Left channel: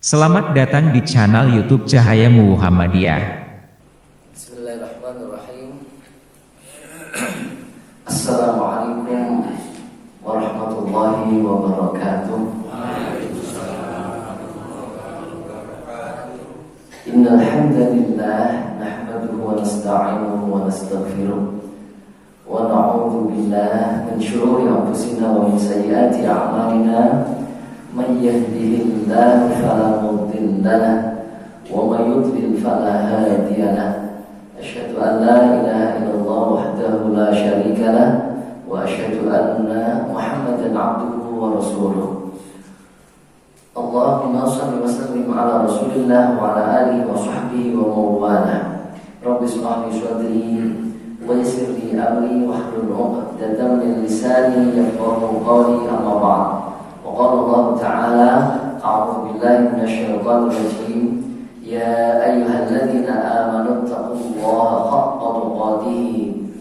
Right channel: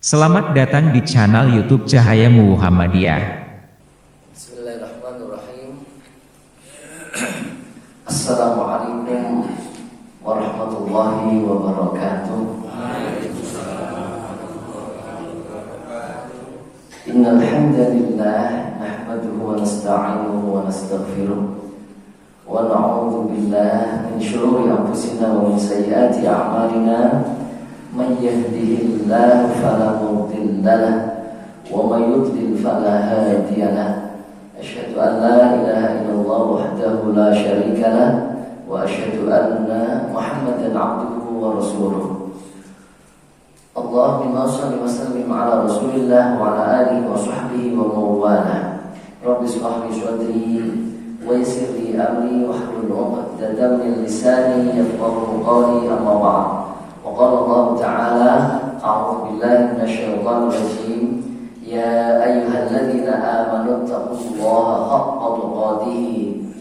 Selamat datang di channel YouTube Cahaya Muhammadiyah. Bismillahirrahmanirrahim. Assalamualaikum warahmatullahi wabarakatuh. Innal hamdalillah nahmaduhu wa nasta'inuhu wa nastaghfiruh wa na'udzu billahi min shururi anfusina wa min sayyiati a'malina. Man yahdihillahu fala mudilla lahu wa may yudlil fala hadiya lahu. Asyhadu an la ilaha illallah wahdahu la syarika lahu wa asyhadu anna Muhammadan 'abduhu wa rasuluh. Allahumma shalli wa sallim ala Rasulillah wa ala alihi wa sahbihi wa mawala. Rabbi shrah li sadri wa yassir li amri wahlul 'uqdatam min lisani yafqahu qawli, amma ba'd. وقال الله تعالى: أعوذ بالله من الشيطان الرجيم يا أيها الذين آمنوا اتقوا الله حق تقاته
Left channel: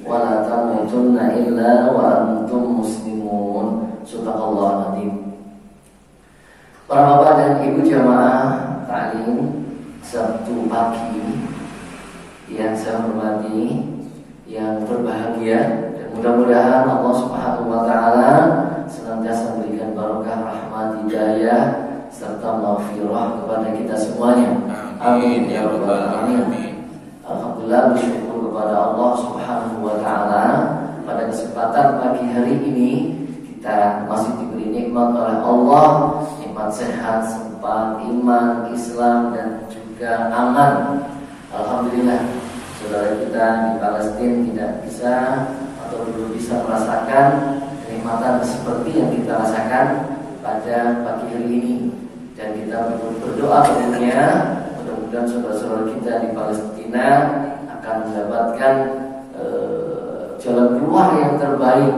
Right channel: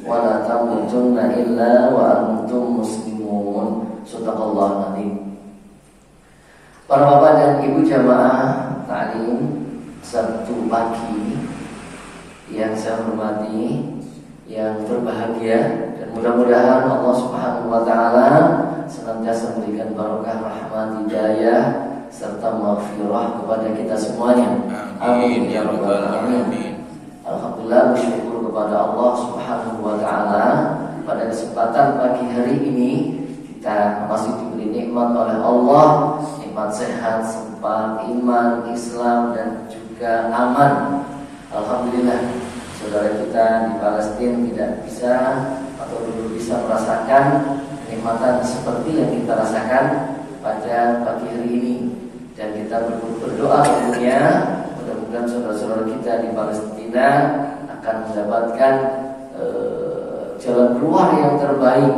ولا تموتن إلا وأنتم مسلمون. Sadaqallahu العظيم. Para bapak dan ibu jamaah taklim Sabtu pagi yang saya hormati, yang berbahagia, dan mudah-mudahan Allah Subhanahu wa taala senantiasa memberikan barokah, rahmat, hidayah serta maghfirah kepada kita semuanya. Amin ya rabbal alamin. Alhamdulillah, bersyukur kepada Allah Subhanahu wa taala pada kesempatan pagi hari ini kita masih diberi nikmat oleh Allah, nikmat sehat, sempat, iman, Islam dan juga aman. Alhamdulillah, saudara kita di Palestina tidak bisa atau belum bisa merasakan kenikmatan seperti yang kita rasakan pada pagi hari ini, dan kita berdoa tentunya mudah-mudahan saudara-saudara kita di Palestina akan mendapatkan jalan keluar yang terbaik,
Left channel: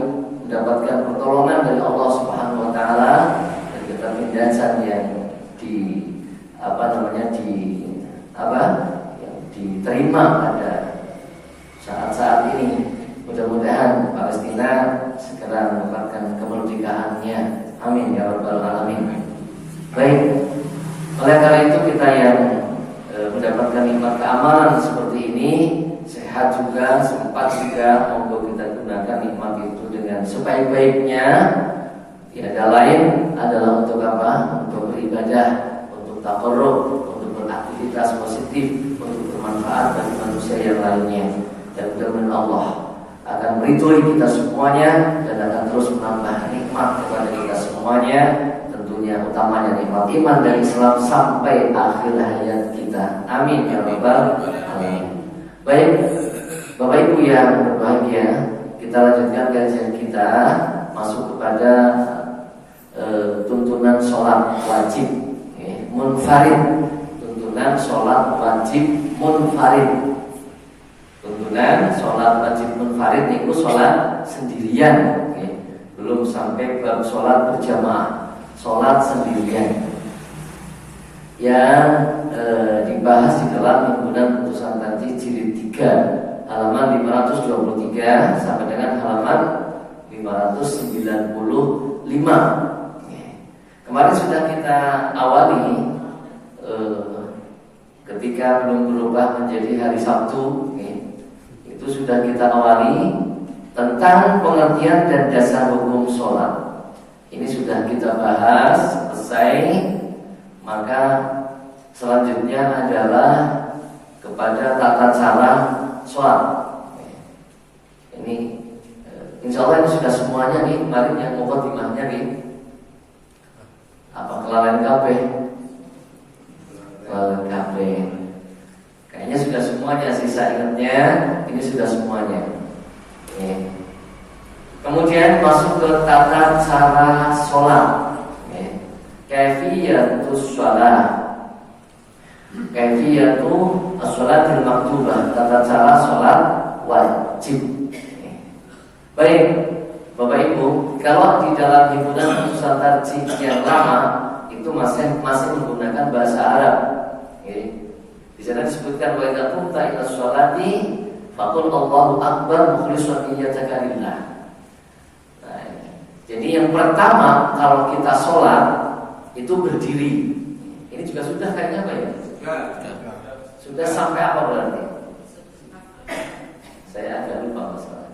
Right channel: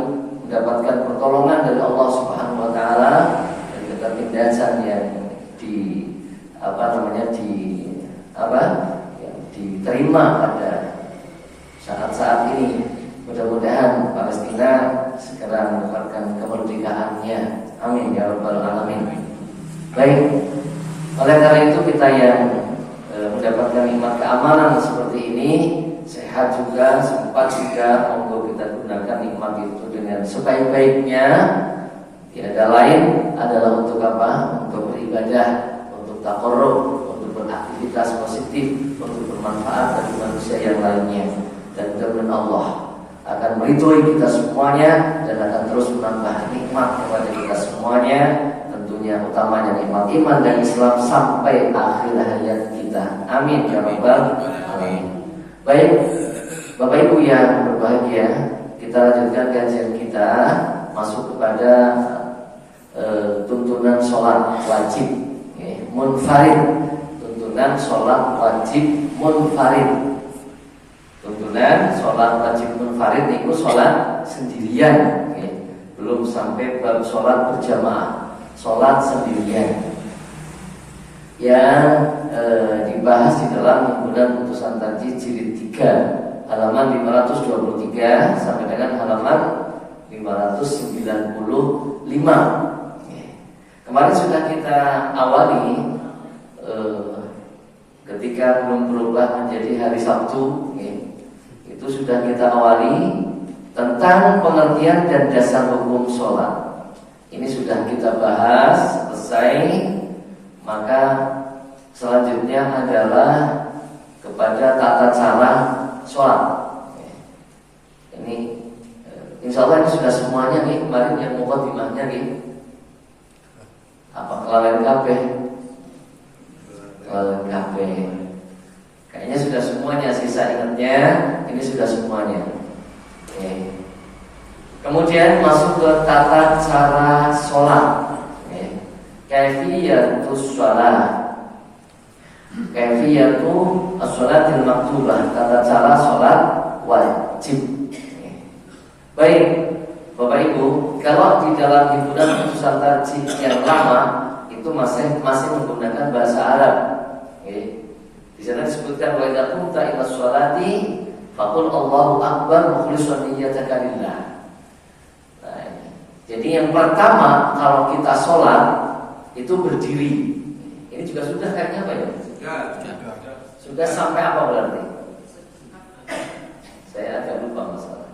mendapatkan pertolongan dari Allah Subhanahu wa taala, dan kita tindakan yang diterima pada saat-saat ini. Mudah-mudahan Palestina segera mendapatkan kemerdekaannya. Amin ya rabbal alamin. Baik, oleh karena itu kita yang mendapatkan nikmat keamanan seperti ini, sehat juga, sempat juga, monggo kita gunakan nikmat itu dengan sebaik-baiknya. Tiada lain adalah untuk apa? Untuk beribadah, untuk taqarrub, untuk beraktivitas positif, untuk bermanfaat bagi manusia yang lainnya. Dan mudah-mudahan Allah akan meridhoi kita semuanya dan akan terus menambah nikmat kepada kita semuanya, tentunya utamanya nikmat iman dan Islam sampai akhir hayat kita. Amin ya rabbal alamin. Baik, Bapak Ibu yang berbahagia, kita lanjutkan kajian kita masuk kepada tuntunan sholat wajib munfarid. Tuntunan sholat wajib munfarid. Tuntunan sholat wajib munfarid itu sholat sendirian, belum sampai bab sholat berjamaah, sholat sendirian yang dibahas di dalam himpunan putusan tarjih jilid 3 halaman 523 sampai dengan halaman 595. Kemarin sudah kita awali ketika belum berubah menjadi hari Sabtu, itu sudah kita awali tentang pengertian dan dasar hukum sholat. Ini sudah kita bahas selesai. Maka selanjutnya adalah kepada tata cara sholat. Ini insya Allah ini sudah semuanya nih. Kemarin yang mukadimahnya nih, apa kelalaian kabeh? Kelalaian kabeh. Kayaknya sudah semuanya, sisa ingatnya ini sudah semuanya. Kemudian masuk ke tata cara sholat. Kaifiyatus sholat, kaifiyatu as-sholatil maktubah, tata cara sholat wajib. Baik, Bapak Ibu, kalau di dalam himpunan putusan tarjih yang lama itu masih menggunakan bahasa Arab. Di sana disebutkan wa idza qumta ila sholati faqul Allahu akbar mukhlishan niyyataka lillah. Jadi yang pertama kalau kita sholat itu berdiri. Ini juga sudah kayaknya apa ya? Sudah sampai apa berarti? Saya agak lupa masalah.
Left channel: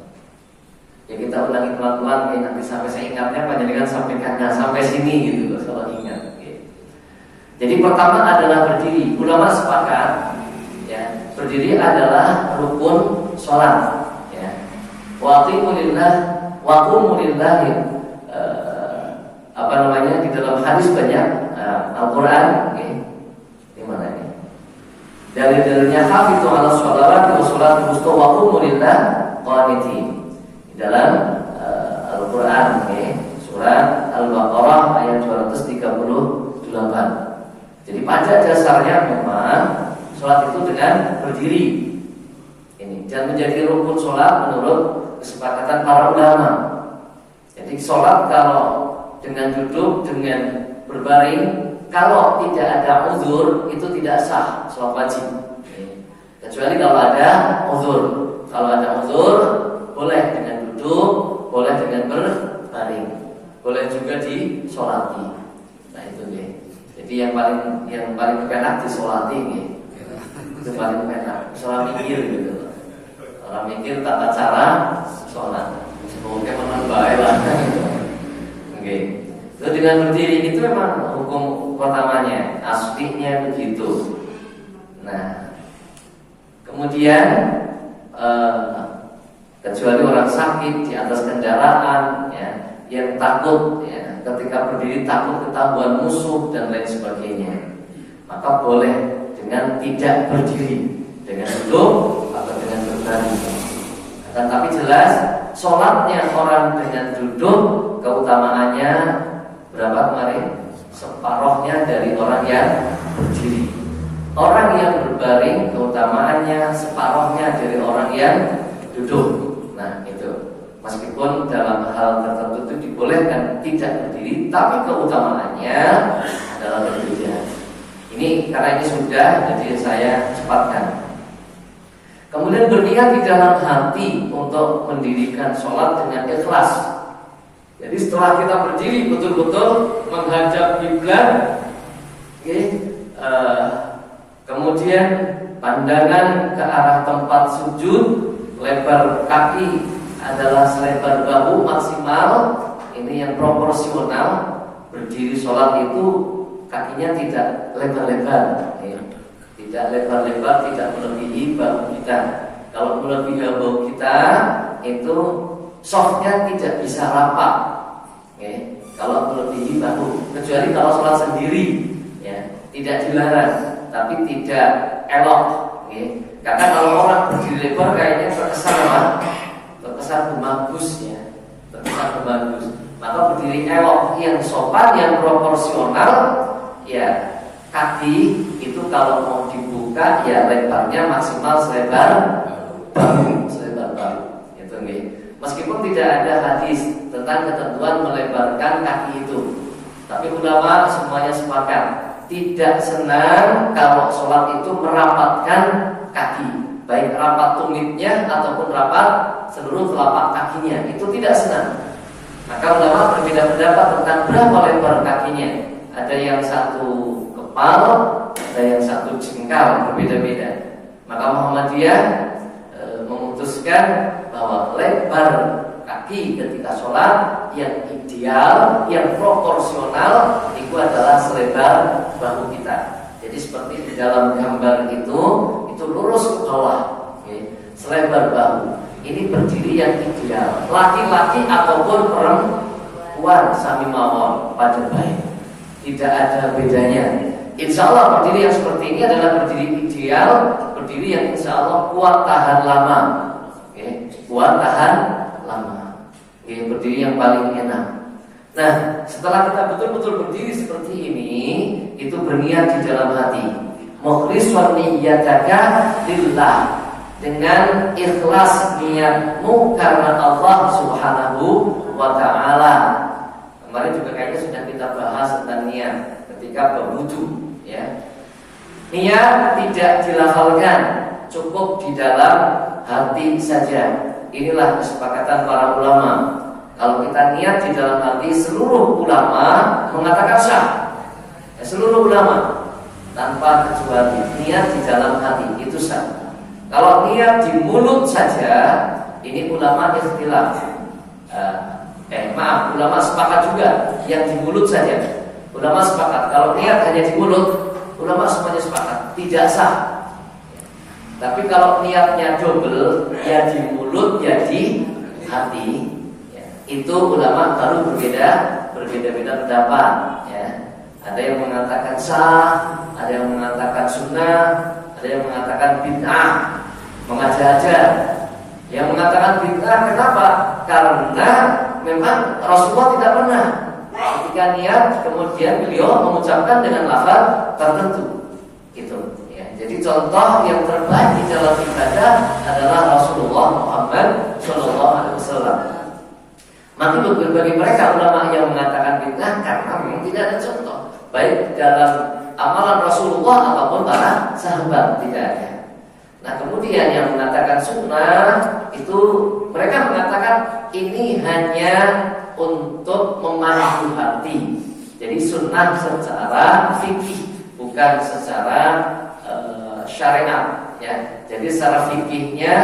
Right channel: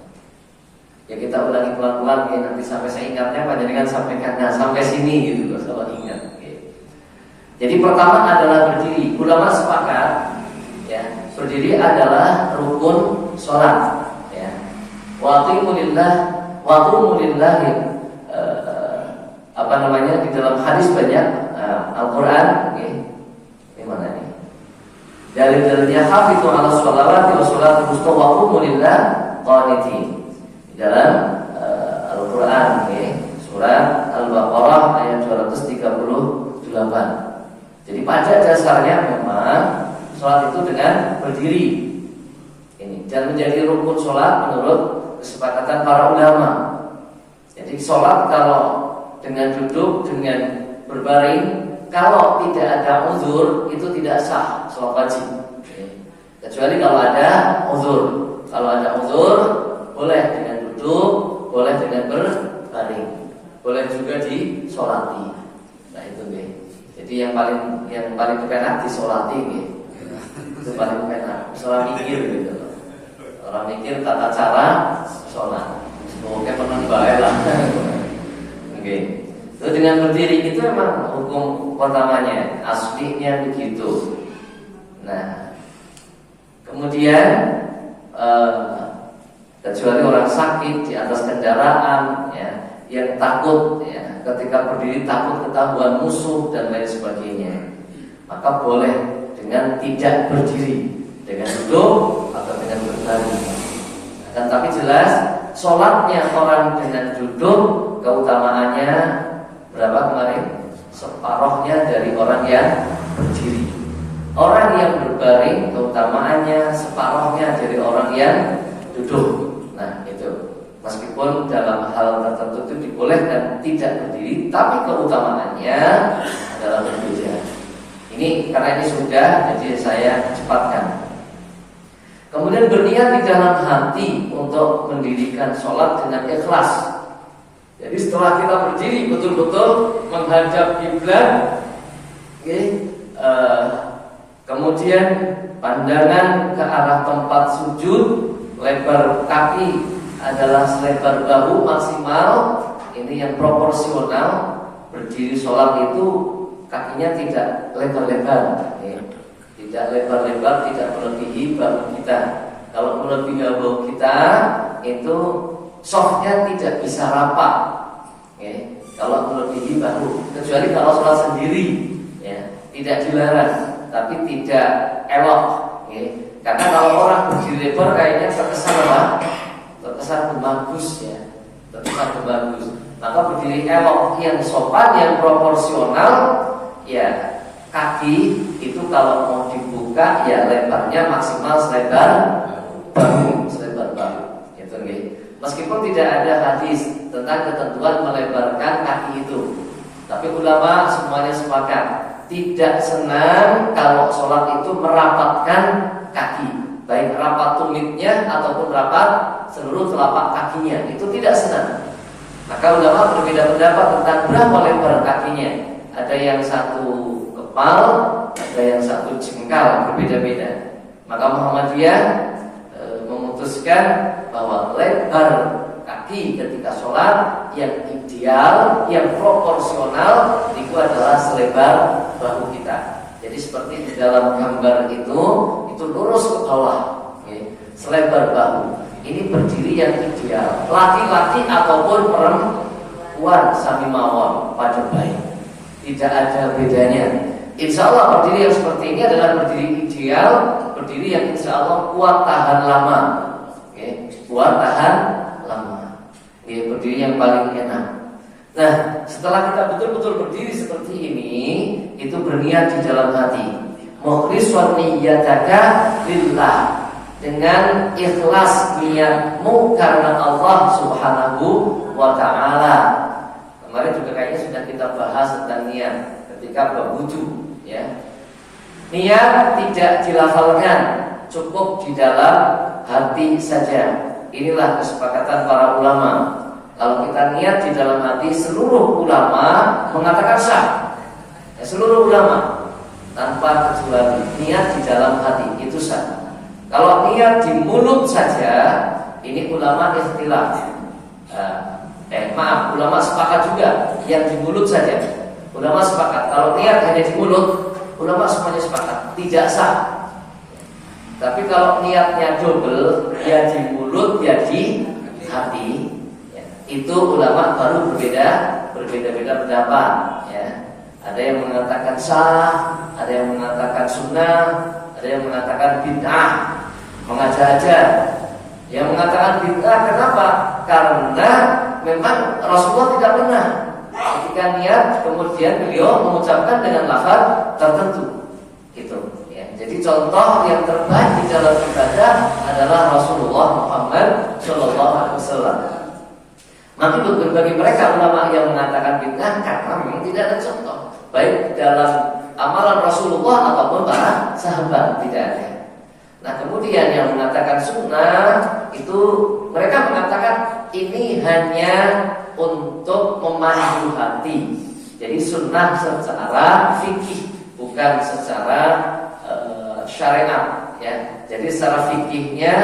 Ya kita ulangi pelan-pelan ya, nanti sampai saya ingatnya Pak, jadi kan sampaikannya sampai sini gitu kalau ingat. Jadi pertama adalah berdiri. Ulama sepakat ya, berdiri adalah rukun sholat ya. Waqumulillah apa namanya di dalam hadis banyak Al-Qur'an okay. Di mana ini? Dalil-dalilnya hafizu 'ala sholawati wa sholatul wusta waqumulillah qanitin. Di dalam Al-Qur'an okay. Surat Al-Baqarah ayat 238. Jadi pada dasarnya memang sholat itu dengan berdiri ini dan menjadi rukun sholat menurut kesepakatan para ulama. Jadi sholat kalau dengan duduk, dengan berbaring, kalau tidak ada uzur itu tidak sah sholat wajib. Kecuali kalau ada uzur. Kalau ada uzur boleh dengan duduk, boleh dengan berbaring, boleh juga disolati. Nah itu deh. Jadi yang paling enak disolati nih. Itu paling enak. Sholat mikir gitu. Orang mikir tata cara sholat. Semoga pernah baik lah. Oke. Itu dengan berdiri itu memang hukum pertamanya, aslinya begitu. Nah, kemudian kecuali orang sakit di atas kendaraan, ya, yang takut, ya, ketika berdiri takut ketahuan musuh dan lain sebagainya, maka boleh dengan tidak berdiri, dengan duduk atau dengan berbaring. Dan tapi jelas sholatnya orang dengan duduk keutamaannya berapa kemarin? Separohnya dari orang yang berdiri. Orang yang berbaring keutamaannya separohnya dari orang yang duduk. Nah itu, meskipun dalam hal tertentu itu dibolehkan tidak berdiri, tapi keutamaannya adalah berbeda. Ini karena ini sudah, jadi saya cepatkan. Kemudian berniat di dalam hati untuk mendirikan sholat dengan ikhlas. Jadi setelah kita berdiri betul-betul menghadap kiblat, okay, kemudian pandangan ke arah tempat sujud, lebar kaki adalah selebar bahu maksimal. Ini yang proporsional. Berdiri sholat itu kakinya tidak lebar-lebar, ya. Tidak lebar-lebar, tidak melebihi bahu kita. Kalau melebihi bahu kita itu softnya tidak bisa rapat, ya. Kalau melebihi bahu, kecuali kalau sholat sendiri, ya, tidak dilarang, tapi tidak elok, ya. Karena kalau orang berdiri lebar kayaknya terkesan apa? Terkesan bagus, ya. Terkesan bagus. Maka berdiri elok yang sopan, yang proporsional, ya. Kaki itu kalau mau dibuka ya lebarnya maksimal selebar bahu, itu nih. Meskipun tidak ada hadis tentang ketentuan melebarkan kaki itu, tapi ulama semuanya sepakat tidak senang kalau sholat itu merapatkan kaki, baik rapat tumitnya ataupun rapat seluruh telapak kakinya, itu tidak senang. Maka ulama berbeda pendapat tentang berapa lebar kakinya. Ada yang satu kepal, ada yang satu jengkal, berbeda-beda. Maka Muhammadiyah memutuskan bahwa lebar kaki ketika sholat yang ideal, yang proporsional itu adalah selebar bahu kita. Jadi seperti di dalam gambar itu lurus ke bawah, okay. Selebar bahu. Ini berdiri yang ideal. Laki-laki ataupun perempuan sami mawon pada baik. Tidak ada bedanya. Insya Allah berdiri yang seperti ini adalah berdiri ideal, berdiri yang insya Allah kuat tahan lama, okay. Kuat tahan lama, okay. Berdiri yang paling enak. Nah, setelah kita betul-betul berdiri seperti ini, itu berniat di dalam hati, mukhlishan niyyataka lillah, dengan ikhlas niatmu karena Allah Subhanahu wa ta'ala. Kemarin juga kayaknya sudah kita bahas tentang niat ketika berwudu, ya. Niat tidak dilafalkan, cukup di dalam hati saja. Inilah kesepakatan para ulama. Kalau kita niat di dalam hati, seluruh ulama mengatakan sah. Seluruh ulama tanpa kecuali niat di dalam hati itu sah. Kalau niat di mulut saja, ini ulama ikhtilaf. Ulama sepakat juga yang di mulut saja. Ulama sepakat kalau niat hanya di mulut, ulama semuanya sepakat tidak sah. Tapi kalau niatnya double, ya di mulut ya di hati, ya, itu ulama baru berbeda-beda pendapat. Ya. Ada yang mengatakan sah, ada yang mengatakan sunnah, ada yang mengatakan bid'ah, mengada-ada. Yang mengatakan bid'ah kenapa? Karena memang Rasulullah tidak pernah ketika niat kemudian beliau mengucapkan dengan lafaz tertentu. Itu. Ya. Jadi contoh yang terbaik di dalam ibadah adalah Rasulullah Muhammad SAW. Maka bagi mereka ulama yang mengatakan bid'ah karena memang tidak ada contoh baik dalam amalan Rasulullah ataupun para sahabat, tidak ada. Nah kemudian yang mengatakan sunnah itu mereka mengatakan ini hanya untuk memandu hati. Jadi sunnah secara fikih bukan secara syariat. Ya. Jadi secara fikihnya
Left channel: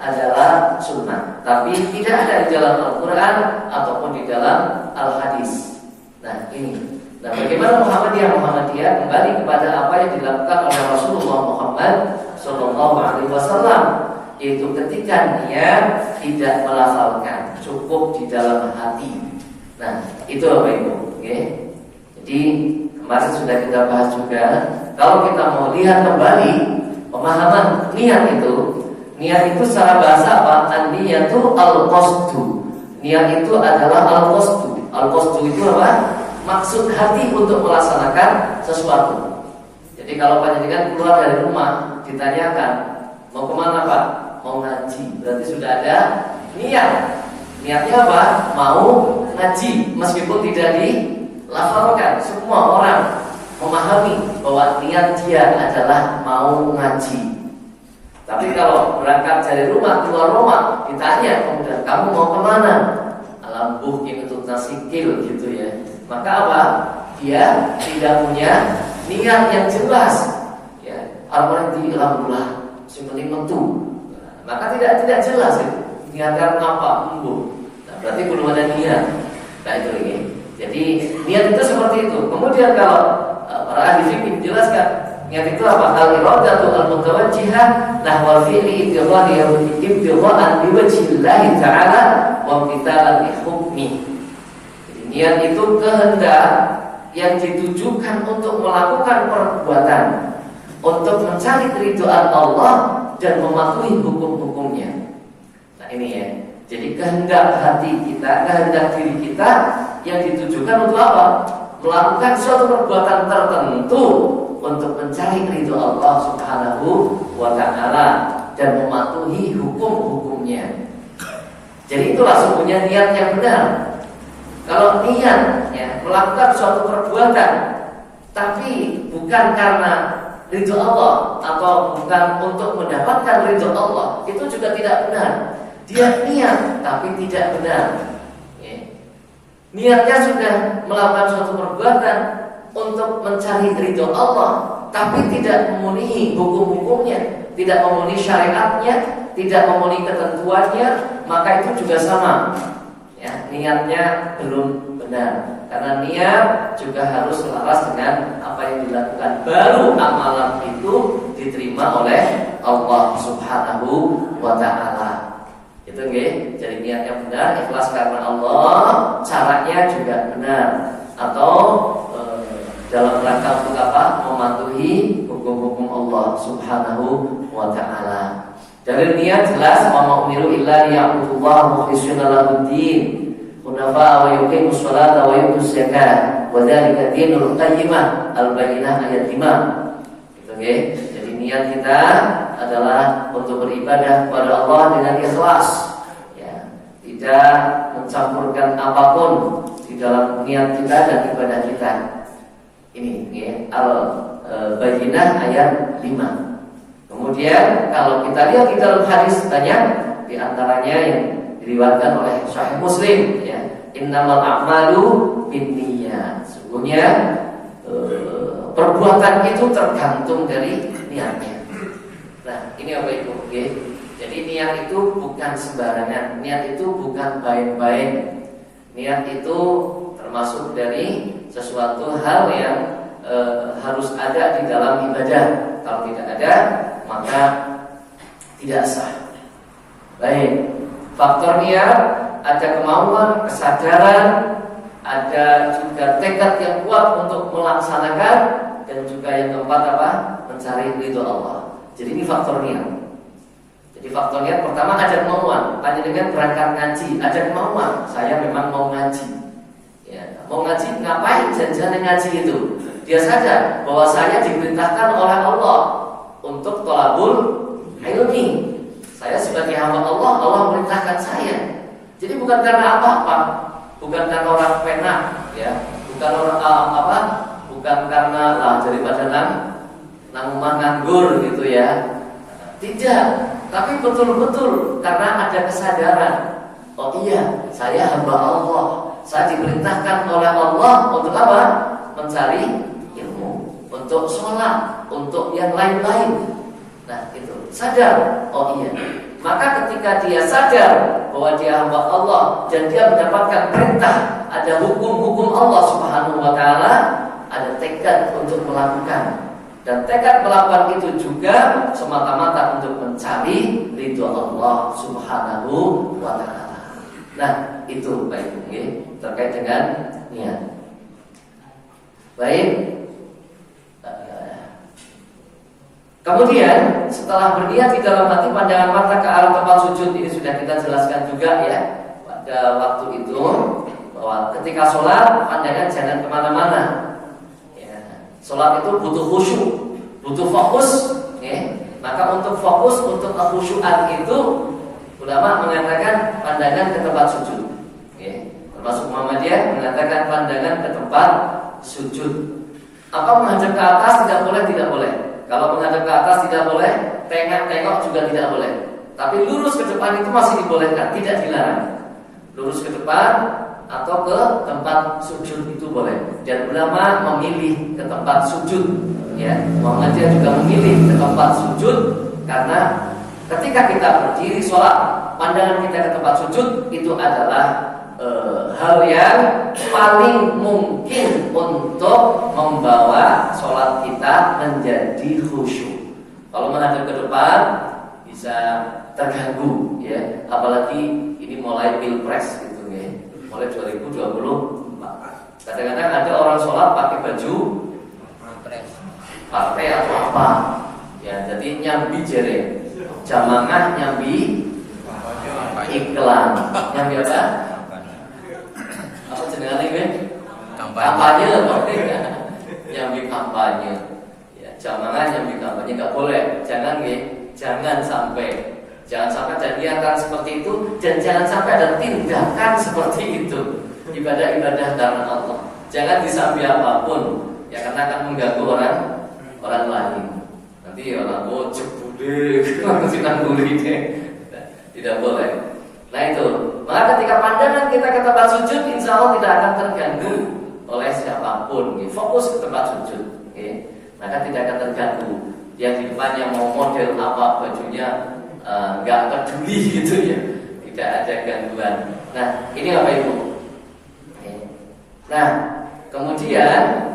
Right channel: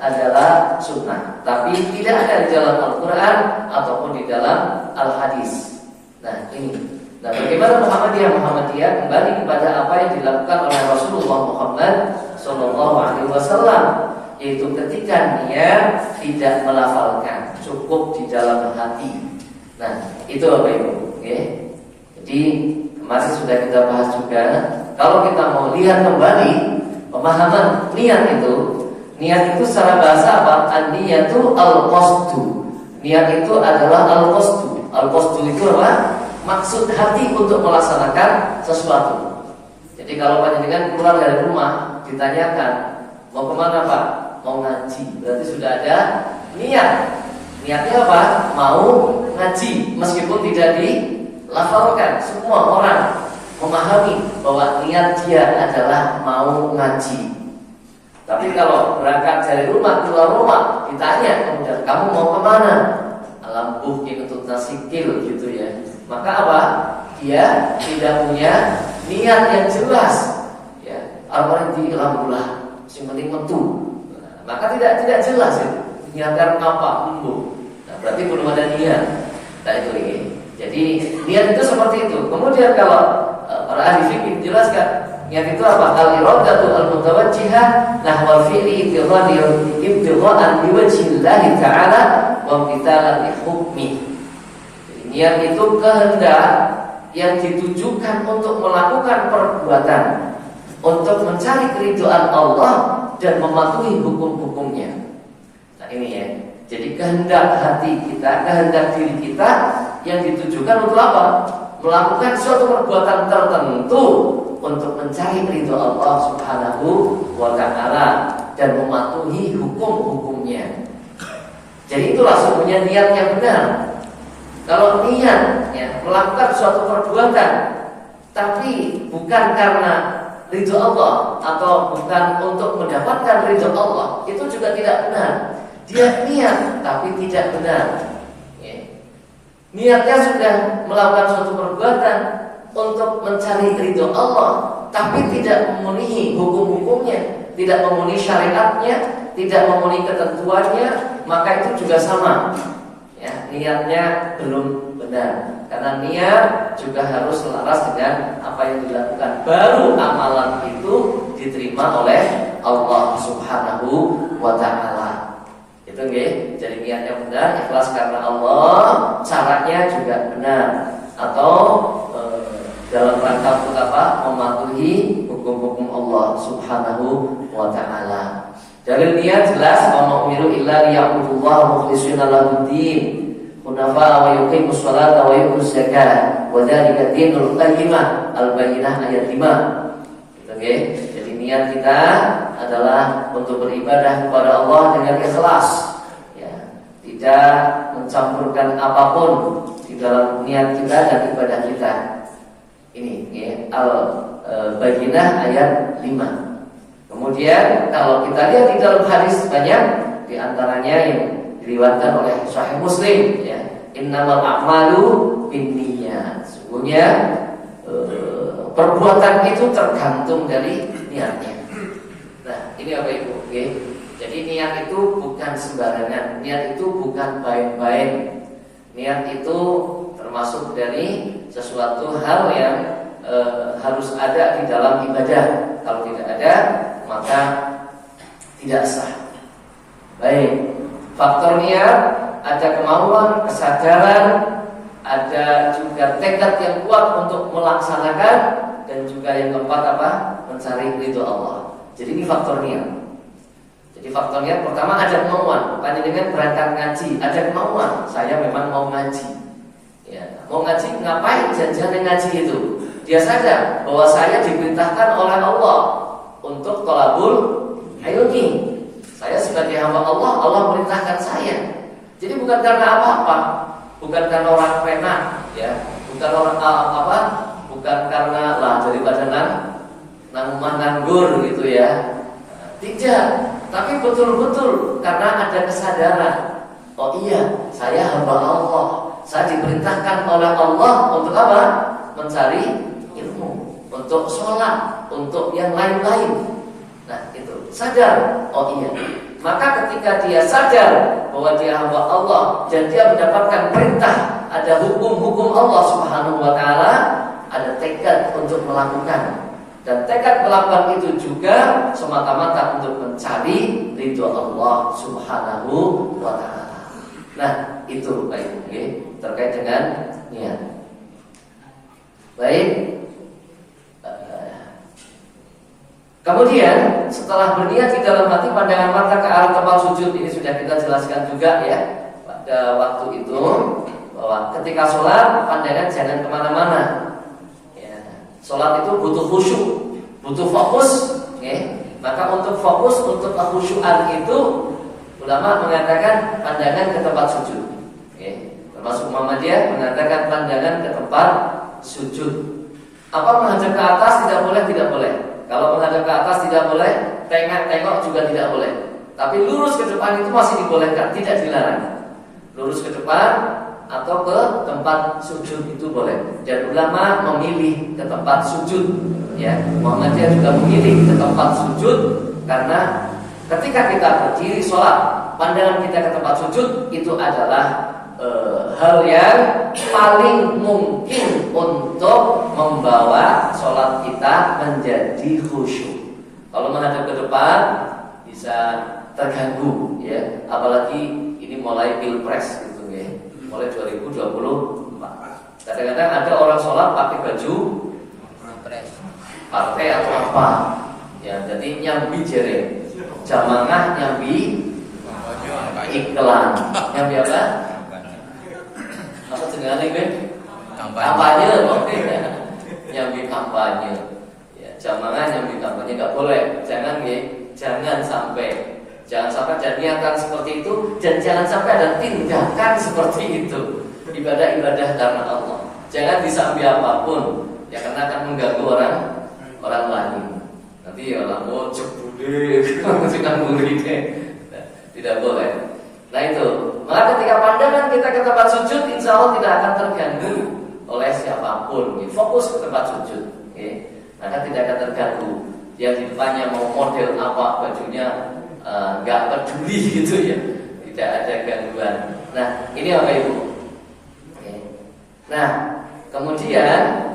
adalah sunnah, tapi tidak ada di dalam Al-Quran ataupun di dalam Al-Hadis. Nah ini. Nah bagaimana Muhammadiyah kembali kepada apa yang dilakukan oleh Rasulullah Muhammad SAW, yaitu ketika dia tidak melafalkan, cukup di dalam hati. Nah itu Bapak Ibu. Okay? Jadi kemarin sudah kita bahas juga. Kalau kita mau lihat kembali pemahaman niat itu secara bahasa apa? An-niyatu al-qasdu. Niat itu adalah al-qasdu. Al-qasdu itu apa? Maksud hati untuk melaksanakan sesuatu. Jadi kalau panjenengan keluar dari rumah ditanyakan mau kemana Pak? Mau ngaji. Berarti sudah ada niat. Niatnya apa? Mau ngaji. Meskipun tidak dilafalkan, semua orang memahami bahwa niat dia adalah mau ngaji. Tapi kalau berangkat dari rumah keluar rumah ditanya kemudian kamu mau kemana? Alambuh kinutut nasikil gitu ya. Maka apa? Dia tidak punya niat yang jelas. Ya, apa di alhamdulillah sing penting metu. Maka tidak jelas ya. Niatkan apa? Nah, berarti belum ada niat. Nah itu ini. Jadi niat itu seperti itu. Kemudian kalau para ahli fikih menjelaskan niat itu apa? Al-iradatu al-mutawajjihah nahwa fi'li ibtighaan biwajhillahi ta'ala wa imtithalan li hukmi. Niat itu kehendak yang ditujukan untuk melakukan perbuatan untuk mencari keridhaan Allah dan mematuhi hukum-hukumnya. Nah ini ya. Jadi kehendak hati kita, kehendak diri kita yang ditujukan untuk apa? Melakukan suatu perbuatan tertentu untuk mencari ridho Allah Subhanahu wa ta'ala dan mematuhi hukum-hukumnya. Jadi itulah sebenarnya niat yang benar. Kalau niat ya, melakukan suatu perbuatan tapi bukan karena ridho Allah atau bukan untuk mendapatkan ridho Allah, itu juga tidak benar. Dia niat tapi tidak benar. Ya. Niatnya sudah melakukan suatu perbuatan untuk mencari ridho Allah, tapi tidak memenuhi hukum-hukumnya, tidak memenuhi syariatnya, tidak memenuhi ketentuannya, maka itu juga sama. Ya, niatnya belum benar. Karena niat juga harus selaras dengan apa yang dilakukan. Baru amalan itu diterima oleh Allah Subhanahu wa ta'ala. Itu nggih. Jadi niatnya benar, ikhlas karena Allah, caranya juga benar. Atau dalam rangka untuk apa? Mematuhi hukum-hukum Allah Subhanahu wa ta'ala. Dari niat jelas wa umiru illa liya'budullaha mukhlishina lahu-d-din hunafa wa yuqimus sholata wa yutuz zakata wa dzalika dinul qayyimah al-bayyinah ayat 5. Gitu nggih. Jadi niat kita adalah untuk beribadah kepada Allah dengan ikhlas. Ya, tidak mencampurkan apapun di dalam niat kita dan ibadah kita. Ini ya, al-bayyinah ayat 5. Kemudian kalau kita lihat di dalam hadis banyak, di antaranya yang diriwayatkan oleh Sahih Muslim, ya, innamal a'malu binniyat. Sesungguhnya perbuatan itu tergantung dari niatnya. Nah, ini apa Ibu? Oke. Jadi niat itu bukan sembarangan, niat itu bukan main-main. Niat itu termasuk dari sesuatu hal yang harus ada di dalam ibadah. Kalau tidak ada, maka tidak sah. Baik, faktor niat ada kemauan, kesadaran, ada juga tekad yang kuat untuk melaksanakan, dan juga yang keempat apa? Mencari ridho Allah. Jadi ini faktor niat. Jadi faktor niat pertama ada kemauan. Panjenengan berangkat ngaji, ada kemauan. Saya memang mau ngaji. Ya, mau ngaji ngapain? Janjian ngaji itu. Dia sadar bahwa saya diperintahkan oleh Allah untuk thalabul ilmi. Saya sebagai hamba Allah, Allah memerintahkan saya. Jadi bukan karena apa-apa, bukan karena orang pena, ya, bukan orang bukan karena lah daripada rumah nganggur gitu ya. Tidak, tapi betul-betul karena ada kesadaran. Oh iya, saya hamba Allah. Saya diperintahkan oleh Allah untuk apa? Mencari ilmu, untuk sholat, untuk yang lain-lain. Nah itu, sadar. Oh iya. Maka ketika dia sadar bahwa dia hamba Allah dan dia mendapatkan perintah, ada hukum-hukum Allah Subhanahu wa ta'ala, ada tekad untuk melakukan. Dan tekad melakukan itu juga semata-mata untuk mencari ridho Allah Subhanahu wa ta'ala. Nah itu baik, terkait dengan niat. Baik. Kemudian setelah berniat di dalam hati, pandangan mata ke arah tempat sujud. Ini sudah kita jelaskan juga ya pada waktu itu, bahwa ketika sholat pandangan jangan kemana-mana ya. Sholat itu butuh khusyuk, butuh fokus ya. Maka untuk fokus, untuk kekhusyuan itu ulama mengatakan pandangan ke tempat sujud ya. Termasuk Muhammadiyah mengatakan pandangan ke tempat sujud. Apa menghadap ke atas? Tidak boleh, tidak boleh. Kalau menghadap ke atas tidak boleh, tengok juga tidak boleh. Tapi lurus ke depan itu masih dibolehkan, tidak dilarang. Lurus ke depan atau ke tempat sujud itu boleh. Dan ulama memilih ke tempat sujud ya. Muhammadiyah juga memilih ke tempat sujud karena ketika kita berdiri sholat, pandangan kita ke tempat sujud itu adalah hal yang paling mungkin untuk membawa sholat kita menjadi khusyuk. Kalau menghadap ke depan bisa terganggu ya, apalagi ini mulai pilpres gitu ya, mulai 2024. Kadang-kadang ada orang sholat pakai baju pilpres, partai atau apa ya, jadi nyambi jere, jamaah nyambi iklan, nyambi apa? Apa jenengan ini? Kampanye loh, ya. Nyambi kampanye. Ya, jamaah nyambi kampanye nggak boleh. Jangan sampai ada niatan seperti itu, dan jangan sampai ada tindakan seperti itu. Ibadah-ibadah karena Allah. Jangan disambi apapun, ya karena akan mengganggu orang lain. Nanti orang jebule, tidak boleh. Nah itu, maka ketika pandangan kita ke tempat sujud, insya Allah tidak akan terganggu oleh siapapun. Fokus ke tempat sujud, maka tidak akan terganggu. Yang di depannya mau model apa bajunya, nggak peduli gitu ya, tidak ada gangguan. Nah ini apa Ibu? Nah kemudian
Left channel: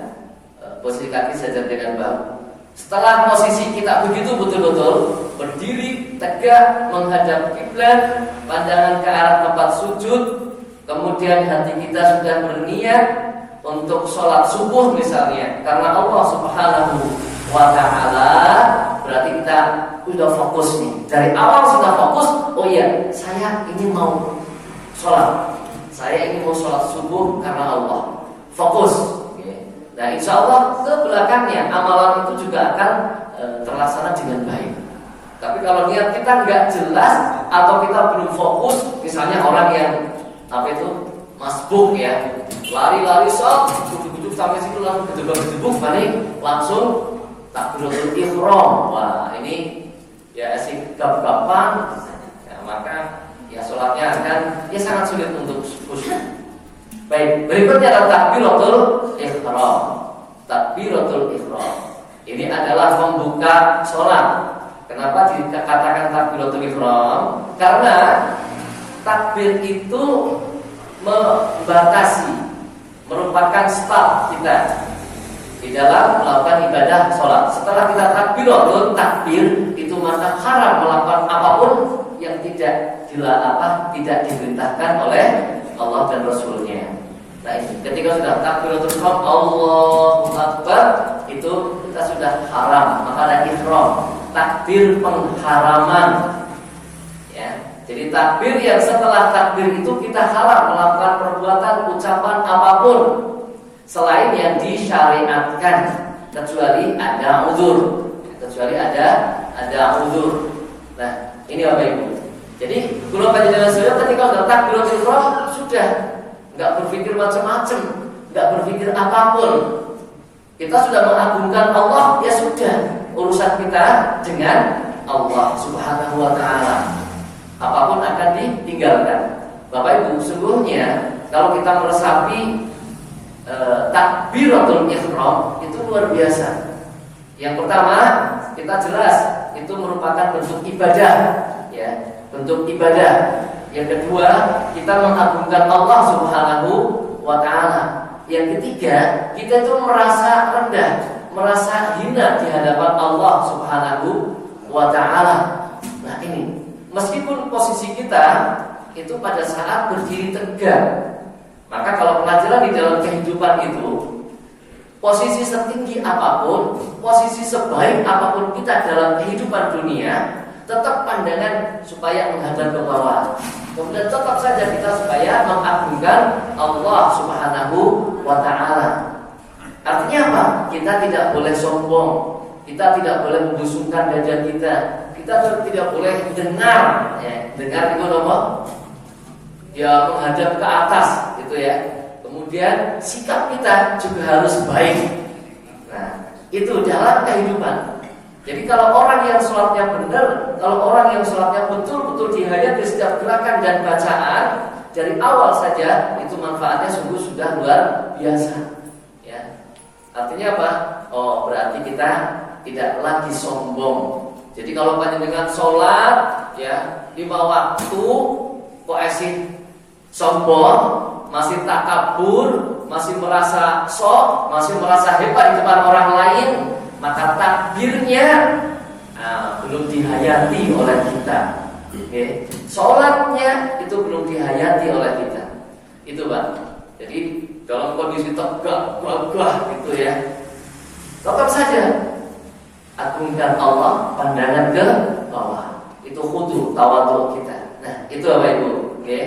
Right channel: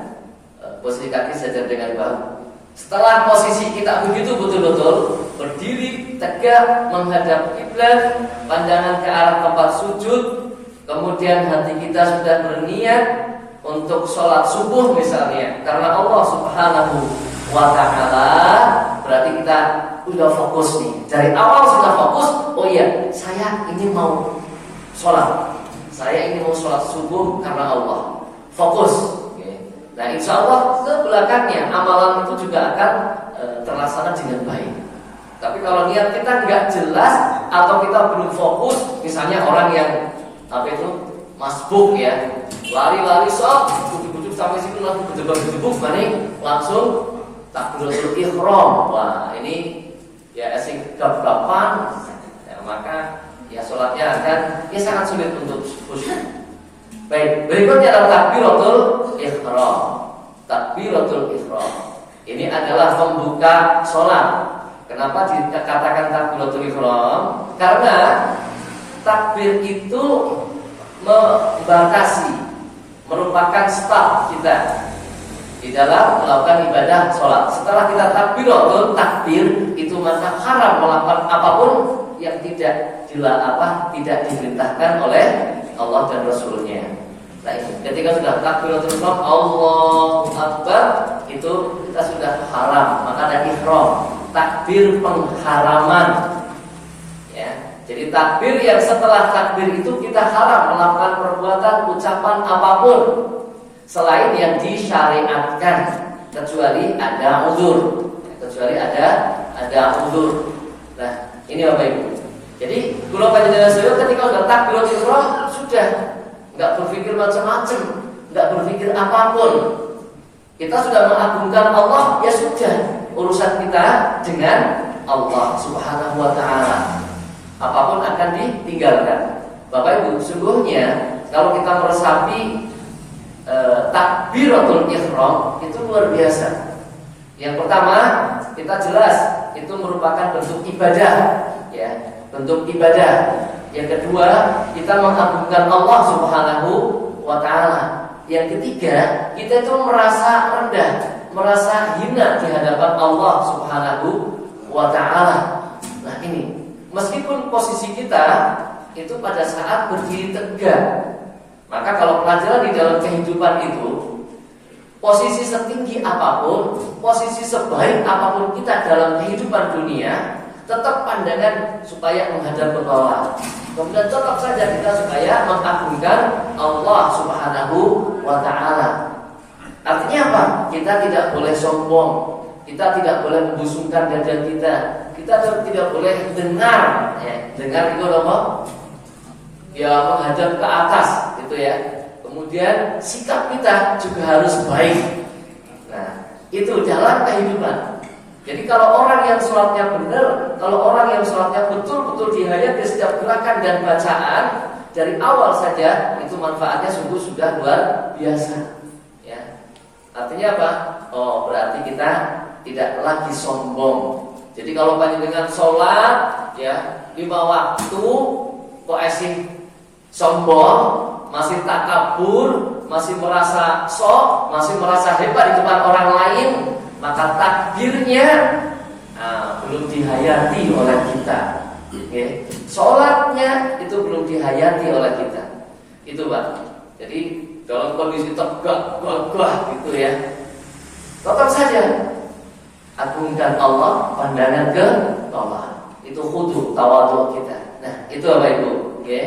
posisi kaki sejajar dengan bahu. Setelah posisi kita begitu betul-betul berdiri tegak menghadap kiblat, pandangan ke arah tempat sujud, kemudian hati kita sudah berniat untuk sholat subuh misalnya, karena Allah Subhanahu wa ta'ala, berarti kita sudah fokus nih. Dari awal sudah fokus, oh iya, saya ini mau sholat, saya ini mau sholat subuh karena Allah. Fokus. Nah insya Allah ke belakangnya amalan itu juga akan terlaksana dengan baik. Tapi kalau niat kita nggak jelas atau kita belum fokus, misalnya orang yang masbuk ya, lari-lari sok, bujuk-bujuk sampai situ langsung gedebuk balik, langsung takbiratul ihram. Wah ini ya asik gap-gapan, ya, maka ya sholatnya akan sangat sulit untuk khusyuk. Baik, berikutnya adalah takbiratul ihram. takbiratul ihram. Ini adalah pembuka sholat. Kenapa dikatakan takbiratul ihram? Karena takbir itu membatasi, merupakan start kita di dalam melakukan ibadah sholat. Setelah kita takbiratul takbir, itu maka haram melakukan apapun yang tidak diperintahkan oleh Allah dan Rasulnya. Nah ini, ketika sudah takbiratul ihram, Allahu Akbar, itu kita sudah haram, maka ada ihram, takbir pengharaman. Ya, jadi takbir yang setelah takbir itu kita haram melakukan perbuatan, ucapan apapun selain yang disyariatkan, kecuali ada uzur. Ada uzur. Nah, ini Bapak Ibu. Jadi kula panjenengan sedaya ketika udah takbiratul ihram sudah enggak berpikir macam-macam, enggak berpikir apapun. Kita sudah mengagungkan Allah, ya sudah, urusan kita dengan Allah Subhanahu wa taala. Apapun akan ditinggalkan. Bapak Ibu, sungguhnya kalau kita meresapi takbiratul ihram itu luar biasa. Yang pertama, kita jelas itu merupakan bentuk ibadah, ya, bentuk ibadah. Yang kedua, kita mengagungkan Allah Subhanahu wa taala. Yang ketiga, kita itu merasa rendah, merasa hina di hadapan Allah Subhanahu wa taala. Nah, ini meskipun posisi kita itu pada saat berdiri tegak, maka kalau pelajaran di dalam kehidupan itu, posisi setinggi apapun, posisi sebaik apapun kita dalam kehidupan dunia, tetap pandangan supaya menghadap ke bawah. Kemudian tetap saja kita supaya mengagungkan Allah Subhanahu wa taala. Artinya apa? Kita tidak boleh sombong, kita tidak boleh membusungkan dada kita tidak boleh dengar, dengar itu apa? Ya, menghadap ke atas gitu ya. Kemudian sikap kita juga harus baik. Nah, itu dalam kehidupan. Jadi kalau orang yang sholatnya benar, kalau orang yang sholatnya betul-betul dihayati setiap gerakan dan bacaan dari awal saja, itu manfaatnya sungguh sudah luar biasa. Ya, artinya apa? Oh, berarti kita tidak lagi sombong. Jadi kalau panjenengan sholat, ya, 5 waktu, kok sombong, masih takabur, masih merasa sok, masih merasa hebat di depan orang lain, maka takbirnya belum dihayati oleh kita. Okay. Sholatnya itu belum dihayati oleh kita. Itu Pak. Jadi dalam kondisi tegak, gagah gitu ya, tetap saja agungkan Allah, pandangan ke bawah. Itu khudu, tawadhu kita. Nah, itu Bapak Ibu. Oke.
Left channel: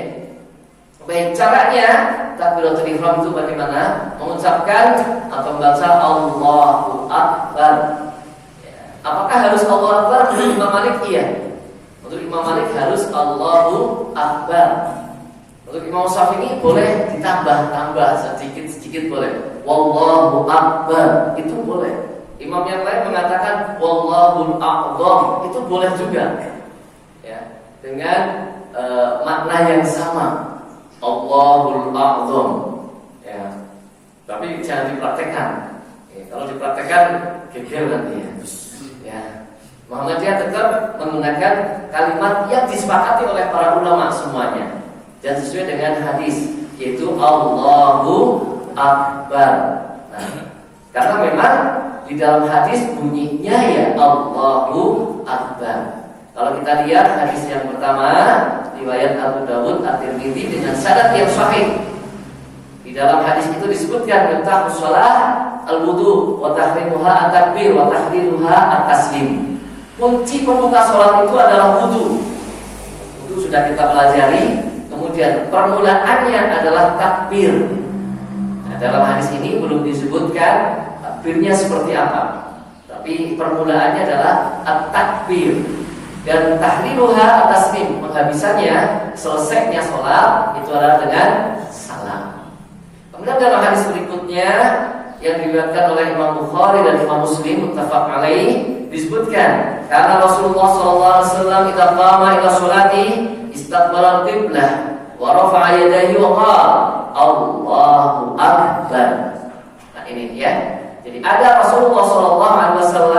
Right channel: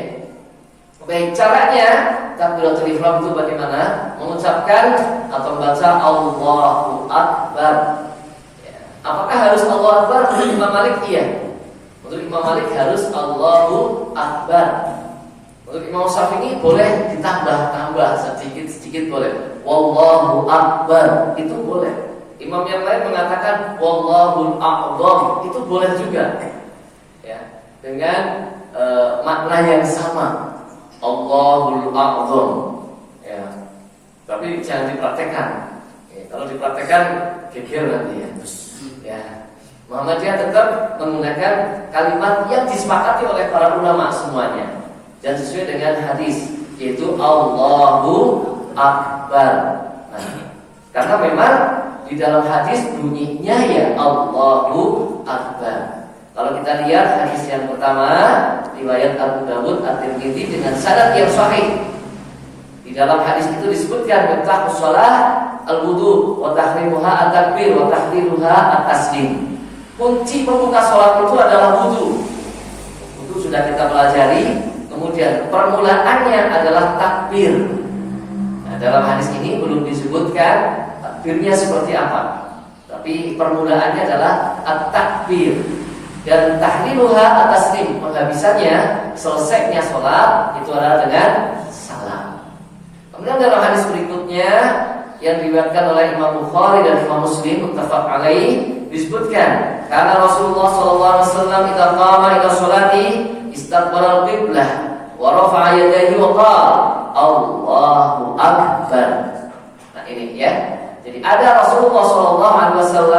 Baik, caranya takbiratul ihram itu bagaimana? Mengucapkan atau membaca Allahu Akbar. Ya. Apakah harus Allahu Akbar? Menurut Imam Malik iya. Menurut Imam Malik harus Allahu Akbar. Menurut Imam Syafi'i boleh ditambah sedikit boleh. Wallahu Akbar itu boleh. Imam yang lain mengatakan Wallahul A'zam itu boleh juga. Ya, dengan makna yang sama. Allahul A'zam. Ya. Tapi jangan dipraktekkan. Ya, kalau dipraktekkan geger nanti ya. Ya. Muhammadiyah tetap menggunakan kalimat yang disepakati oleh para ulama semuanya dan sesuai dengan hadis, yaitu Allahu Akbar. Nah, karena memang di dalam hadis bunyinya ya Allahu Akbar. Kalau kita lihat hadis yang pertama, riwayat Abu Dawud At-Tirmidzi dengan sanad yang sahih. Di dalam hadis itu disebutkan tentang shalah al-wudu wa tahrimuha at-takbir wa tahdiruha at-taslim. Kunci pembuka salat itu adalah wudu. Wudu sudah kita pelajari. Kemudian permulaannya adalah takbir. Nah, dalam hadis ini belum disebutkan takbirnya seperti apa, tapi permulaannya adalah at-takbir. Dan tahrimuha at-taslim, penghabisannya, selesainya sholat itu adalah dengan salam. Kemudian dalam hadis berikutnya yang diriwayatkan oleh Imam Bukhari dan Imam Muslim muttafaq alaih disebutkan karena Rasulullah sallallahu alaihi wasallam idza qama ila sholati istaqbala al-qiblah wa rafa'a yadayhi wa qala Allahu Akbar. Nah ini ya. Jadi ada Rasulullah SAW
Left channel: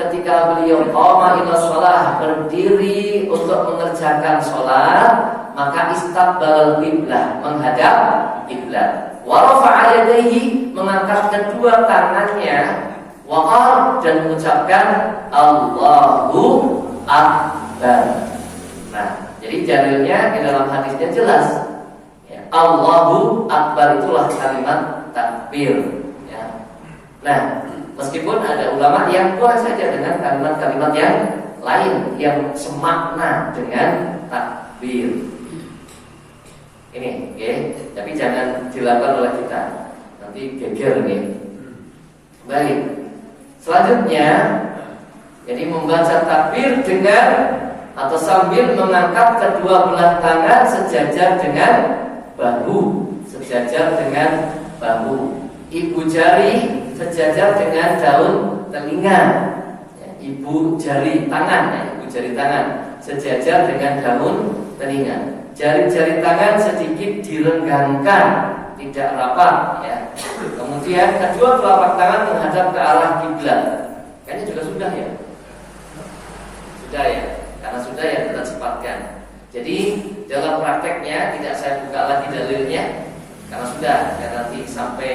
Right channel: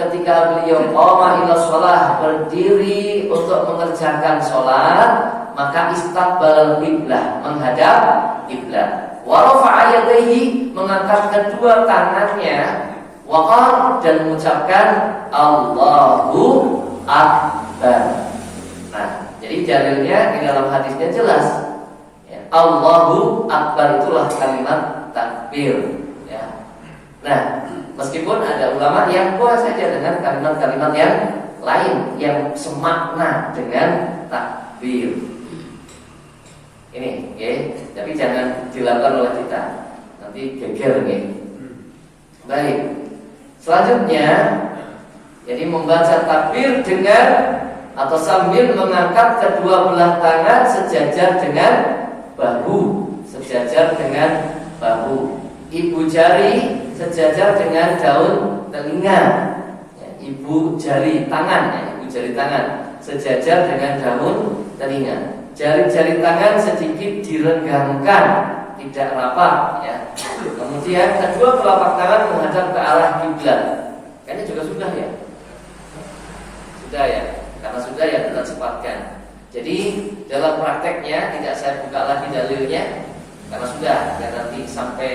ketika beliau qama ila shalah, berdiri untuk mengerjakan sholat, maka istaqbalal qiblah, menghadap kiblat. Wa rafa'a yadayhi, mengangkat kedua tangannya, waqar, dan mengucapkan Allahu Akbar. Nah, jadi dalilnya di dalam hadisnya jelas. Ya, Allahu Akbar itulah kalimat takbir. Ya. Nah, meskipun ada ulama yang puas saja dengan kalimat-kalimat yang lain yang semakna dengan takbir. Ini, oke, tapi jangan dilakukan oleh kita. Nanti geger nih. Baik. Selanjutnya, jadi membaca takbir dengan atau sambil mengangkat kedua belah tangan sejajar dengan bahu, sejajar dengan bahu. Ibu jari sejajar dengan daun telinga. Ya, ibu jari tangan, ya, ibu jari tangan sejajar dengan daun telinga. Jari-jari tangan sedikit direnggangkan, tidak rapat. Ya. Kemudian kedua telapak tangan menghadap ke arah kiblat. Kayaknya juga sudah ya. Sudah ya. Karena sudah ya kita cepatkan. Jadi dalam prakteknya tidak saya buka lagi dalilnya karena sudah ya, nanti sampai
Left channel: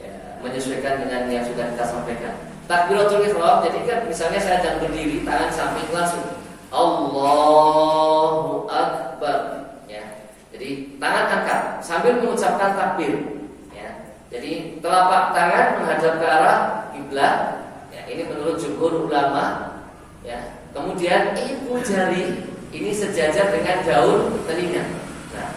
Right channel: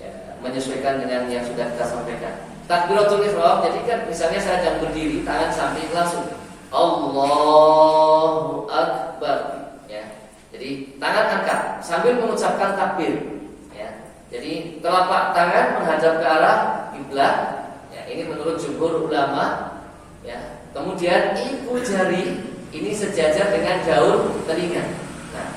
ya, menyesuaikan dengan yang sudah kita sampaikan. Takbiratul ihram, jadi kan misalnya saya sedang berdiri, tangan samping langsung Allahu Akbar. Ya, jadi tangan angkat sambil mengucapkan takbir. Ya, jadi telapak tangan menghadap ke arah kiblat. Ya, ini menurut jumhur ulama. Ya. Kemudian ibu jari ini sejajar dengan daun telinga. Nah,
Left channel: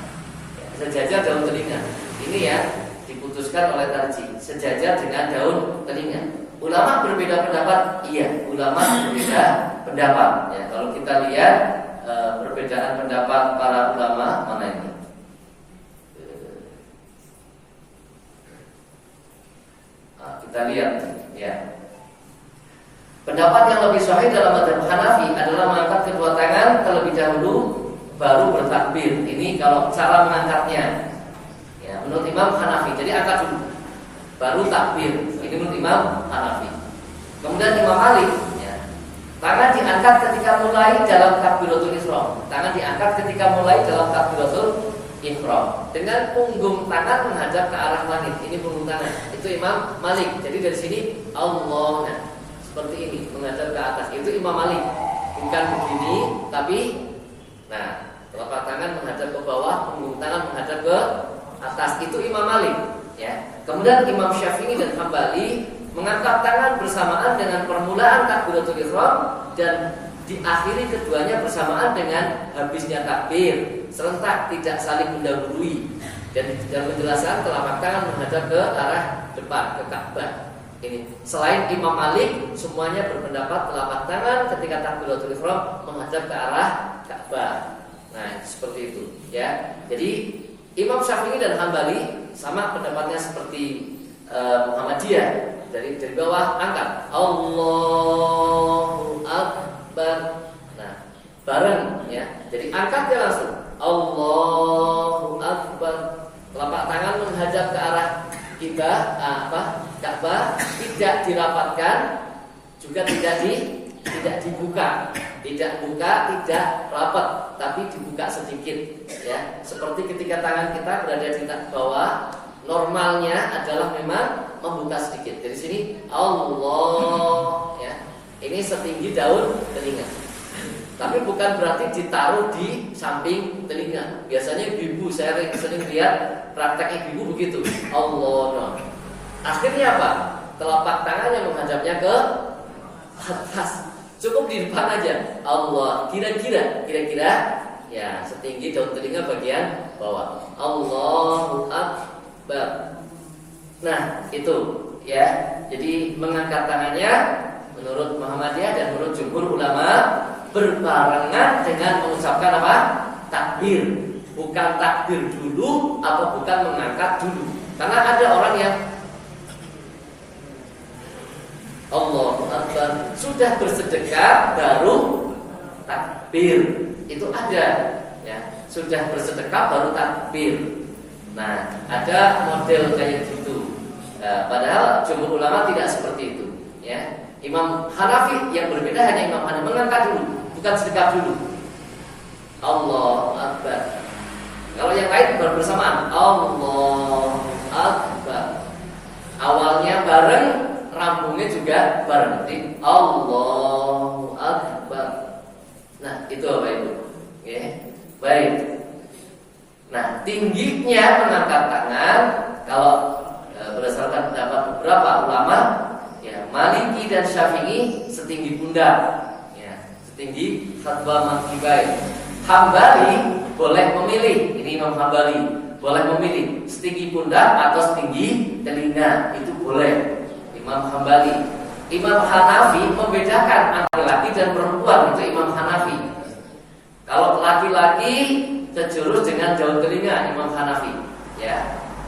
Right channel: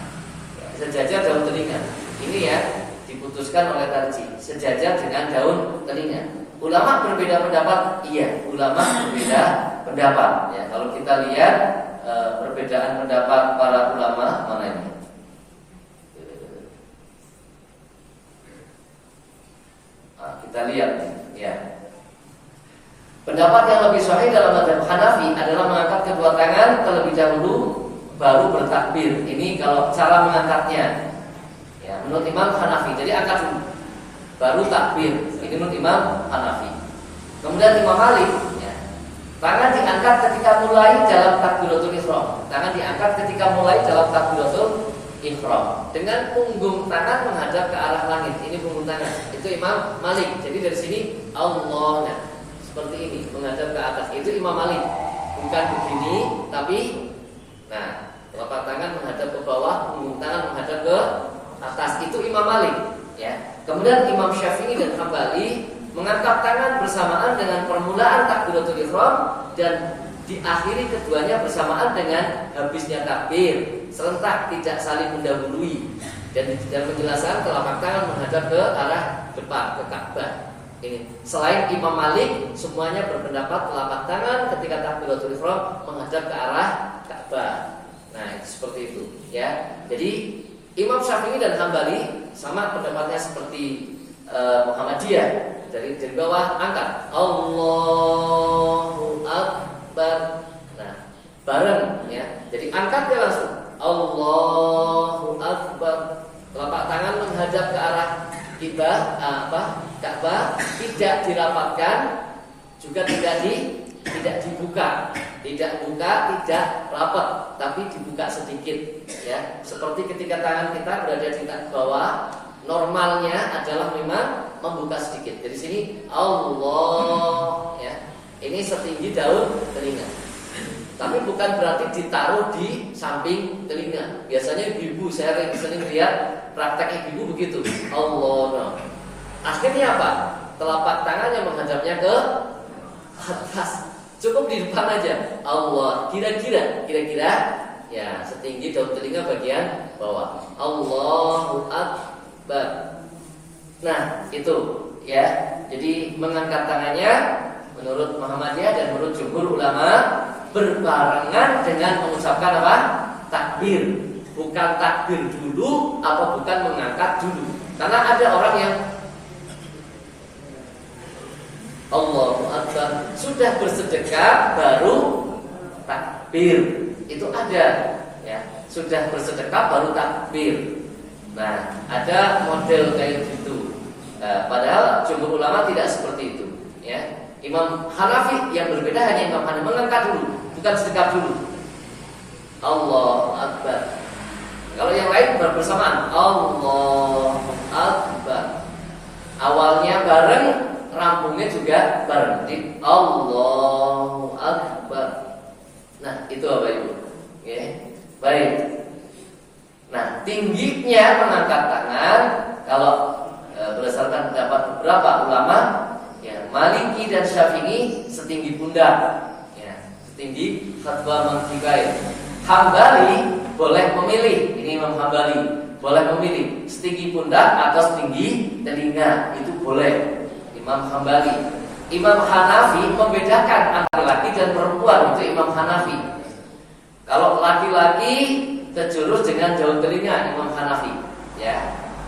ya, sejajar daun telinga. Ini ya diputuskan oleh tarji, sejajar dengan daun telinga. Ulama berbeda pendapat, iya. Ulama berbeda pendapat. Ya, kalau kita lihat perbedaan pendapat para ulama mana ini? Kita lihat, ya. Pendapat yang lebih sahih dalam mazhab Hanafi adalah mengangkat kedua tangan terlebih dahulu baru bertakbir. Ini kalau cara mengangkatnya. Ya, menurut Imam Hanafi. Jadi angkat dulu baru takbir. Ini menurut Imam Hanafi. Kemudian Imam Malik, ya, tangan diangkat ketika mulai dalam takbiratul ihram. Tangan diangkat ketika mulai dalam takbiratul ihram dengan punggung tangan menghadap ke arah langit. Ini punggung tangan. Itu Imam Malik. Jadi dari sini Allah, nah, seperti ini menghadap ke atas. Itu Imam Malik. Bukan begini, tapi nah, telapak tangan menghadap ke bawah, punggung tangan menghadap ke atas. Itu Imam Malik, ya. Kemudian Imam Syafi'i dan Hambali mengangkat tangan bersamaan dengan permulaan takbiratul ihram dan diakhiri keduanya bersamaan dengan habisnya takbir, serentak, tidak saling mendahului. Dan dalam penjelasan telapak tangan menghadap ke arah depan, ke Ka'bah. Ini selain Imam Malik, semuanya berpendapat telapak tangan ketika takbiratul ihram menghadap ke arah Ka'bah. Nah, seperti itu, ya. Jadi Imam Syafi'i dan Hambali sama pendapatnya seperti Muhammadiyah. Dari bawah angkat Allahu Akbar. Nah, bareng, ya. Jadi angkat dia langsung Allahu Akbar. Telapak tangan menghadap ke arah Ka'bah, tidak dirapatkan, juga tidak dibuka, tidak buka, tidak rapat, tapi dibuka sedikit, ya. Seperti ketika tangan kita berada di bawah, normalnya adalah memang membuka sedikit. Dari sini Allah, ya. Ini setinggi daun telinga. Tapi bukan berarti ditaruh di samping telinga. Biasanya ibu saya sering lihat praktek ibu begitu. Allah, no. Akhirnya apa? Telapak tangannya menghadapnya ke atas. Cukup di depan aja. Allah, kira-kira ya setinggi daun telinga bagian bawah. Allahu Akbar. Nah, itu, ya. Jadi mengangkat tangannya menurut Muhammadiyah dan menurut jumhur ulama berbarengan dengan mengucapkan apa? Takbir. Bukan takbir dulu atau bukan mengangkat dulu. Karena ada orang yang Allahu Akbar sudah bersedekah baru takbir. Itu ada, ya. Sudah bersedekah baru takbir. Nah, ada model kayak gitu. Padahal jumhur ulama tidak seperti itu. Ya, Imam Hanafi yang berbeda hanya Imam Hanafi mengangkat dulu, bukan sedekap dulu. Allahu Akbar. Kalau yang lain bersamaan, Allahu Akbar. Awalnya bareng, rampungnya juga bareng. Jadi Allahu Akbar. Nah, itu apa itu? Ya, baik. Nah, tingginya mengangkat tangan kalau berdasarkan pendapat beberapa ulama, ya, Maliki dan Syafi'i setinggi pundak, ya, setinggi khatwa mankibai. Hambali boleh memilih, ini Imam Hambali boleh memilih setinggi pundak atau setinggi telinga, itu boleh. Imam Hambali. Imam Hanafi membedakan antara laki dan perempuan, itu Imam Hanafi. Kalau laki-laki sejurus dengan daun telinga, Imam Hanafi, ya,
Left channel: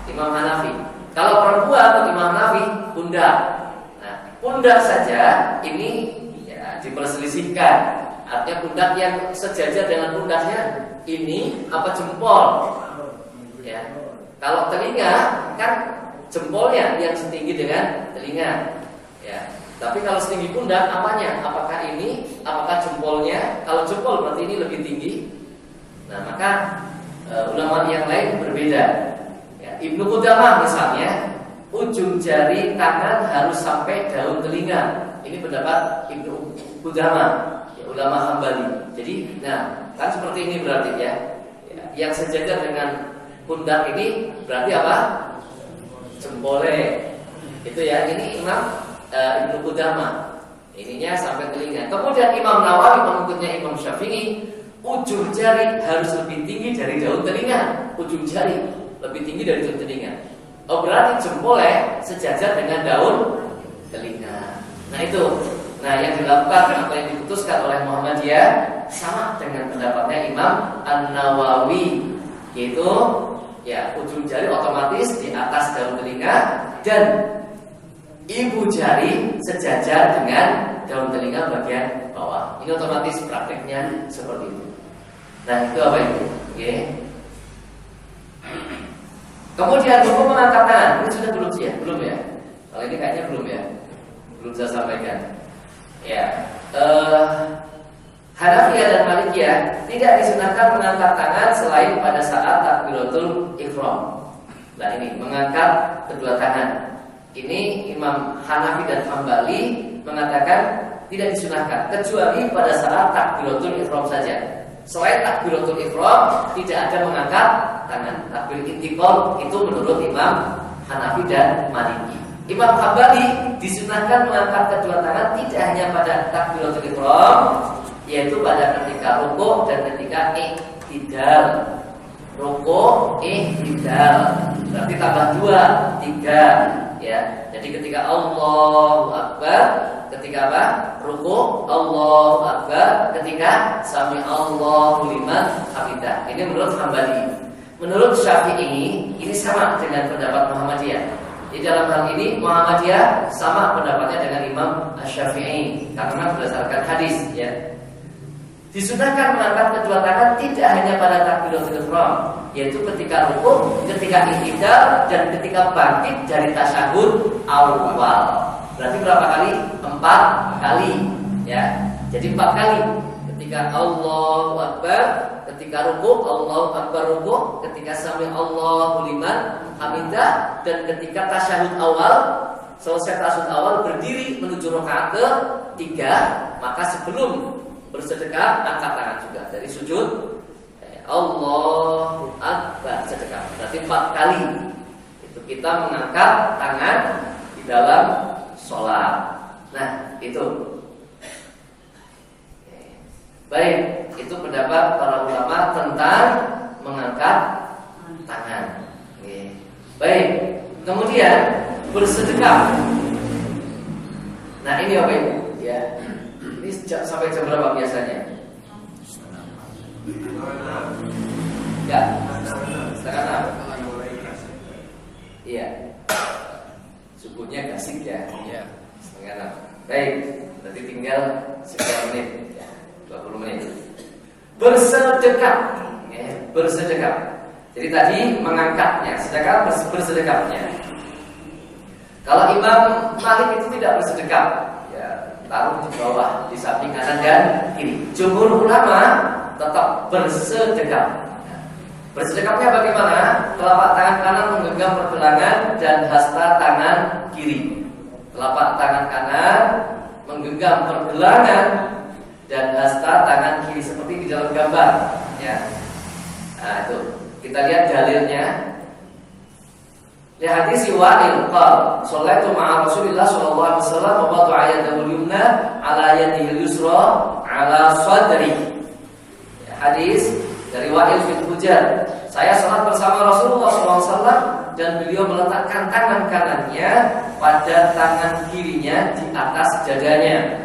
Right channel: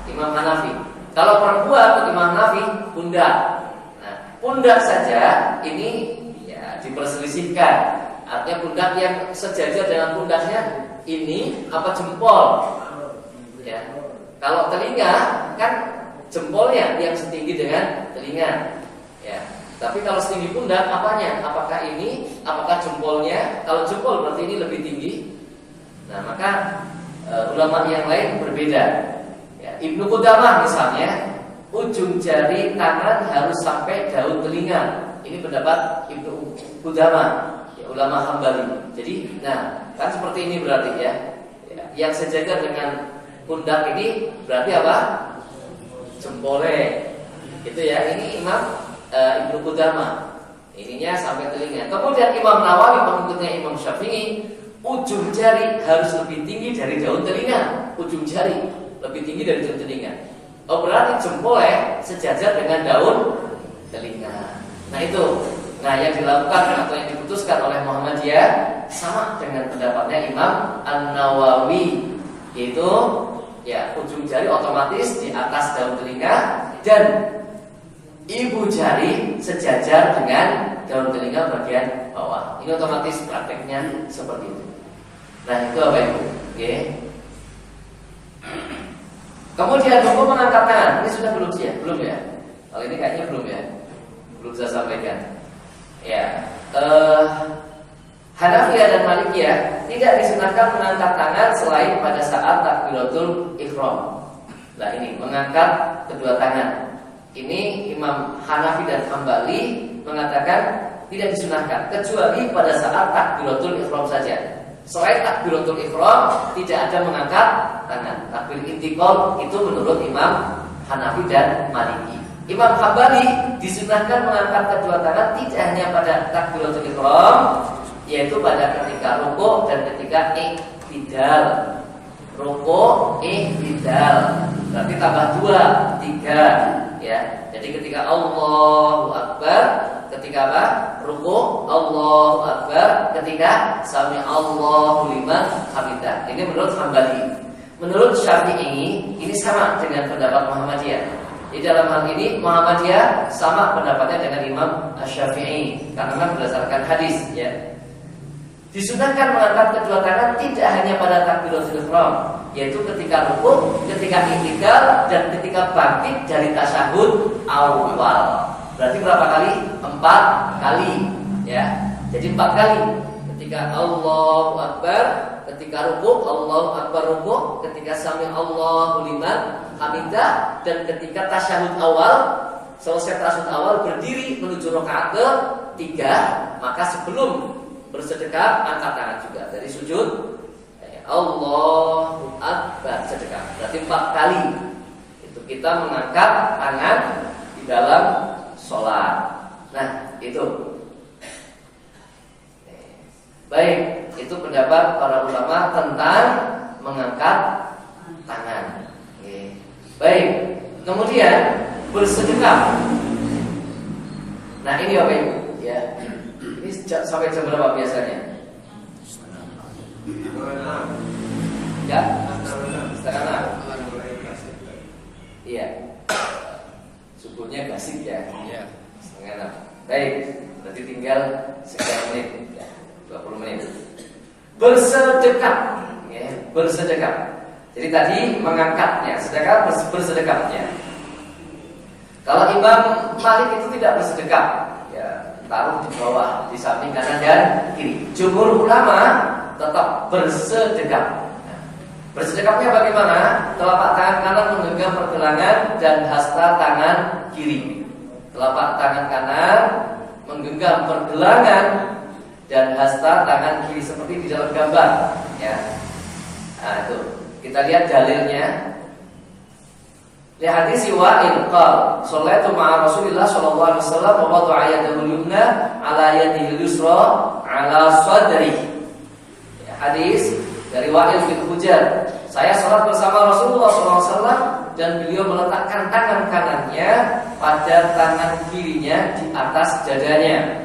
Imam Hanafi. Kalau perempuan, Imam Hanafi pundak. Nah, pundak saja ini ya diperselisihkan. Artinya pundak yang sejajar dengan pundaknya ini apa jempol? Ya. Kalau telinga kan jempolnya yang setinggi dengan telinga. Ya. Tapi kalau setinggi pundak apanya? Apakah ini? Apakah jempolnya? Kalau jempol berarti ini lebih tinggi. Nah, maka ulama yang lain berbeda. Ya, Ibnu Qudamah misalnya, ujung jari tangan harus sampai daun telinga. Ini pendapat Ibnu Qudamah. Ulama Hambali. Jadi, nah, kan seperti ini berarti ya. Yang sejajar dengan pundak ini berarti apa? Jempolnya. Itu ya. Ini Imam Ibnu Qudamah. Ininya sampai telinga. Kemudian Imam Nawawi pengikutnya Imam Syafi'i, ujung jari harus lebih tinggi dari daun telinga. Ujung jari lebih tinggi dari daun telinga. Oh, berarti jempolnya sejajar dengan daun telinga. Nah, itu. Nah, yang dilakukan atau yang diputuskan oleh Muhammadiyah sama dengan pendapatnya Imam An-Nawawi, yaitu ya ujung jari otomatis di atas daun telinga dan ibu jari sejajar dengan daun telinga bagian bawah. Ini otomatis prakteknya seperti itu. Nah, itu apa itu? Oke. Kemudian hukum mengangkat tangan. Ini sudah belum sih ya? Belum ya? Kalau ini kayaknya belum ya? Belum saya sampaikan. Ya, Hanafiyah dan Malikiyah tidak disunahkan mengangkat tangan selain pada saat takbiratul ihram. Nah, ini mengangkat kedua tangan. Ini Imam Hanafi dan Hambali mengatakan tidak disunahkan kecuali pada saat takbiratul ihram saja. Selain takbiratul ihram tidak ada mengangkat tangan. Takbir intiqal itu menurut Imam Hanafi dan Maliki. Imam Hambali disunahkan mengangkat kedua tangan tidak hanya pada takbiratul ihram, yaitu pada ketika rukuk dan ketika i'tidal. Rukuk, i'tidal, berarti tambah 2, 3, ya. Jadi ketika Allahu Akbar, ketika apa? Rukuk, Allahu Akbar, ketika sami Allahu liman hamidah. Ini menurut Hambali. Menurut Syafi'i ini sama dengan pendapat Muhammadiyah. Di dalam hal ini Muhammadiyah sama pendapatnya dengan Imam Asy-Syafi'i karena berdasarkan hadis, ya. Disunahkan mengangkat kedua tangan tidak hanya pada takbiratul ihram, yaitu ketika rukuk, ketika i'tidal dan ketika bangkit dari tasyahud awal. Berarti berapa kali? 4 kali, ya. Jadi 4 kali. Ketika Allahu Akbar, ketika rukuk, Allahu Akbar rukuk, ketika sami Allahu liman hamidah, dan ketika tasyahud awal, selesai tasyahud awal berdiri menuju rakaat ke-3, maka sebelum bersedekah angkat tangan juga dari sujud. Allahu Akbar sedekah. Berarti 4 kali. Itu kita mengangkat tangan di dalam sholat. Nah, itu. Baik, itu pendapat para ulama tentang mengangkat tangan. Oke. Baik, kemudian bersedekah. Nah, ini apa itu? Ya, ini sampai jam berapa biasanya? Ya, 5:30. Iya. Subuhnya gasik ya. Iya. 5:30. Baik, berarti tinggal sekian menit. 20 menit. Bersedekah, ya, bersedekah. Jadi tadi mengangkatnya, sedekah bersedekahnya. Kalau Imam Malik itu tidak bersedekap, ya taruh di bawah, di samping kanan dan kiri. Jumhur ulama tetap bersedekap. Ya. Bersedekapnya bagaimana? Telapak tangan kanan menggenggam pergelangan dan hasta tangan kiri. Telapak tangan kanan menggenggam pergelangan dan hasta tangan kiri seperti di dalam gambar. Ya. Nah itu kita lihat dalilnya. Li hadis Wa'il qala shallaitu ma'a Rasulillah sallallahu alaihi wasallam wa wada'a yadahu yumna ala yadihi yusra ala sadri. Hadis dari Wa'il bin Hujr. Saya salat bersama Rasulullah sallallahu alaihi wasallam dan beliau meletakkan tangan kanannya pada tangan kirinya di atas dadanya.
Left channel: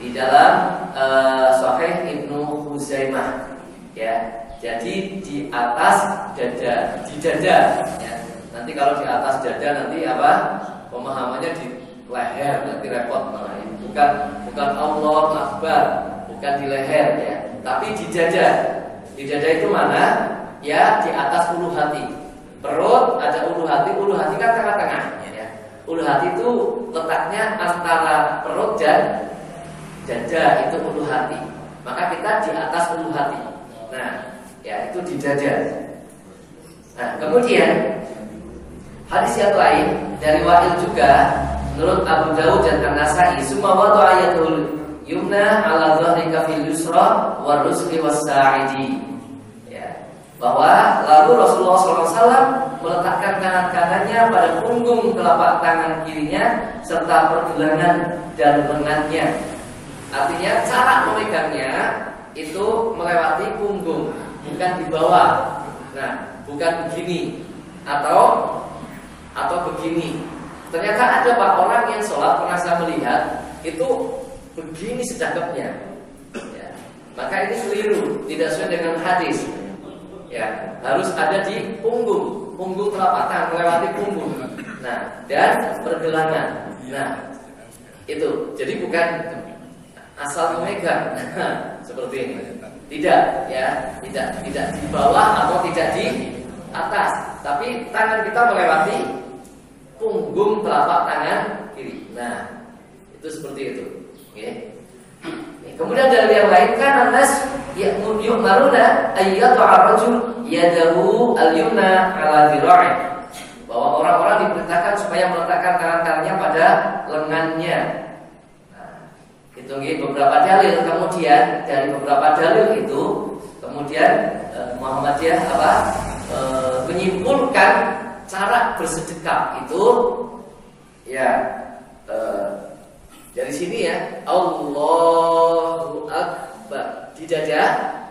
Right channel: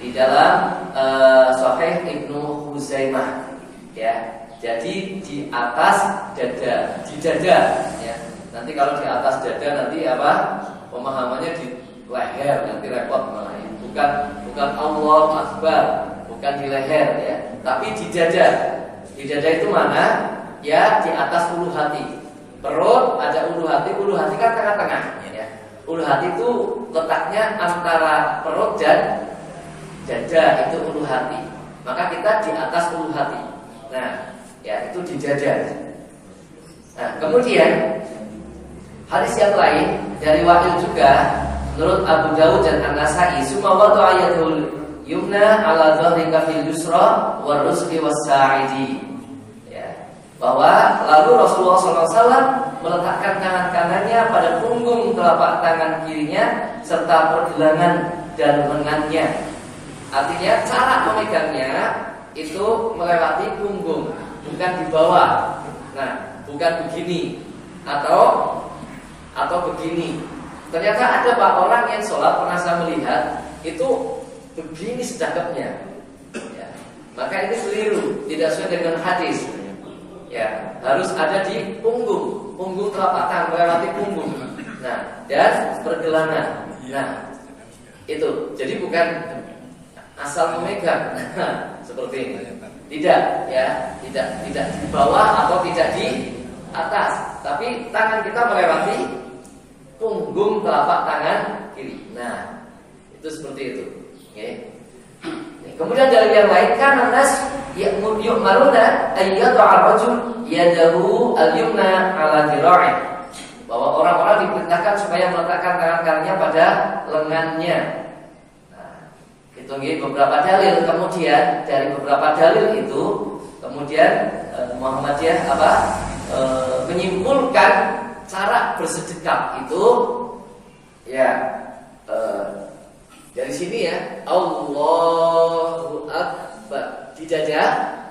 Di dalam Sahih Ibnu Huzaimah. Ya. Jadi di atas dada, di dada ya. Nanti kalau di atas dada nanti apa? Pemahamannya di leher, nanti repot malah. Bukan Allah Akbar, bukan di leher ya, tapi di dada. Di dada itu mana? Ya di atas ulu hati. Perut ada ulu hati kan tengah-tengah ya. Ulu hati itu letaknya antara perut dan dada, itu ulu hati. Maka kita di atas ulu hati. Nah, ya itu di dada. Nah, kemudian hadis yang lain dari Wa'il juga menurut Abu Dawud dan An-Nasa'i, "Summa wada'a yadul yumna 'ala dhahri kafil yusra wa rusli was-sa'idi." Ya, bahwa lalu Rasulullah SAW meletakkan tangan kanannya pada punggung telapak tangan kirinya serta pergelangan dan lengannya. Artinya cara memegangnya itu melewati punggung, bukan di bawah. Nah, bukan begini atau begini. Ternyata ada pak orang yang sholat pernah saya melihat itu begini sedekapnya. Ya. Maka ini keliru, tidak sesuai dengan hadis. Ya, harus ada di punggung telapak tangan melewati punggung. Nah, dan pergelangan. Nah, itu. Jadi bukan asal memegang seperti ini. Tidak, ya, tidak di bawah atau tidak di atas, tapi tangan kita melewati punggung telapak tangan kiri. Nah, itu seperti itu. Oke. Kemudian dari yang lain kan anas yu'maruna ayyatu ar-rajul yadahu al-yumna ala dhira'i. Bahwa orang-orang diperintahkan supaya meletakkan tangan kanannya pada lengannya. Itu beberapa dalil. Kemudian dari beberapa dalil itu kemudian Muhammadiyah menyimpulkan cara bersedekap itu ya dari sini ya, Allahu Akbar di dada,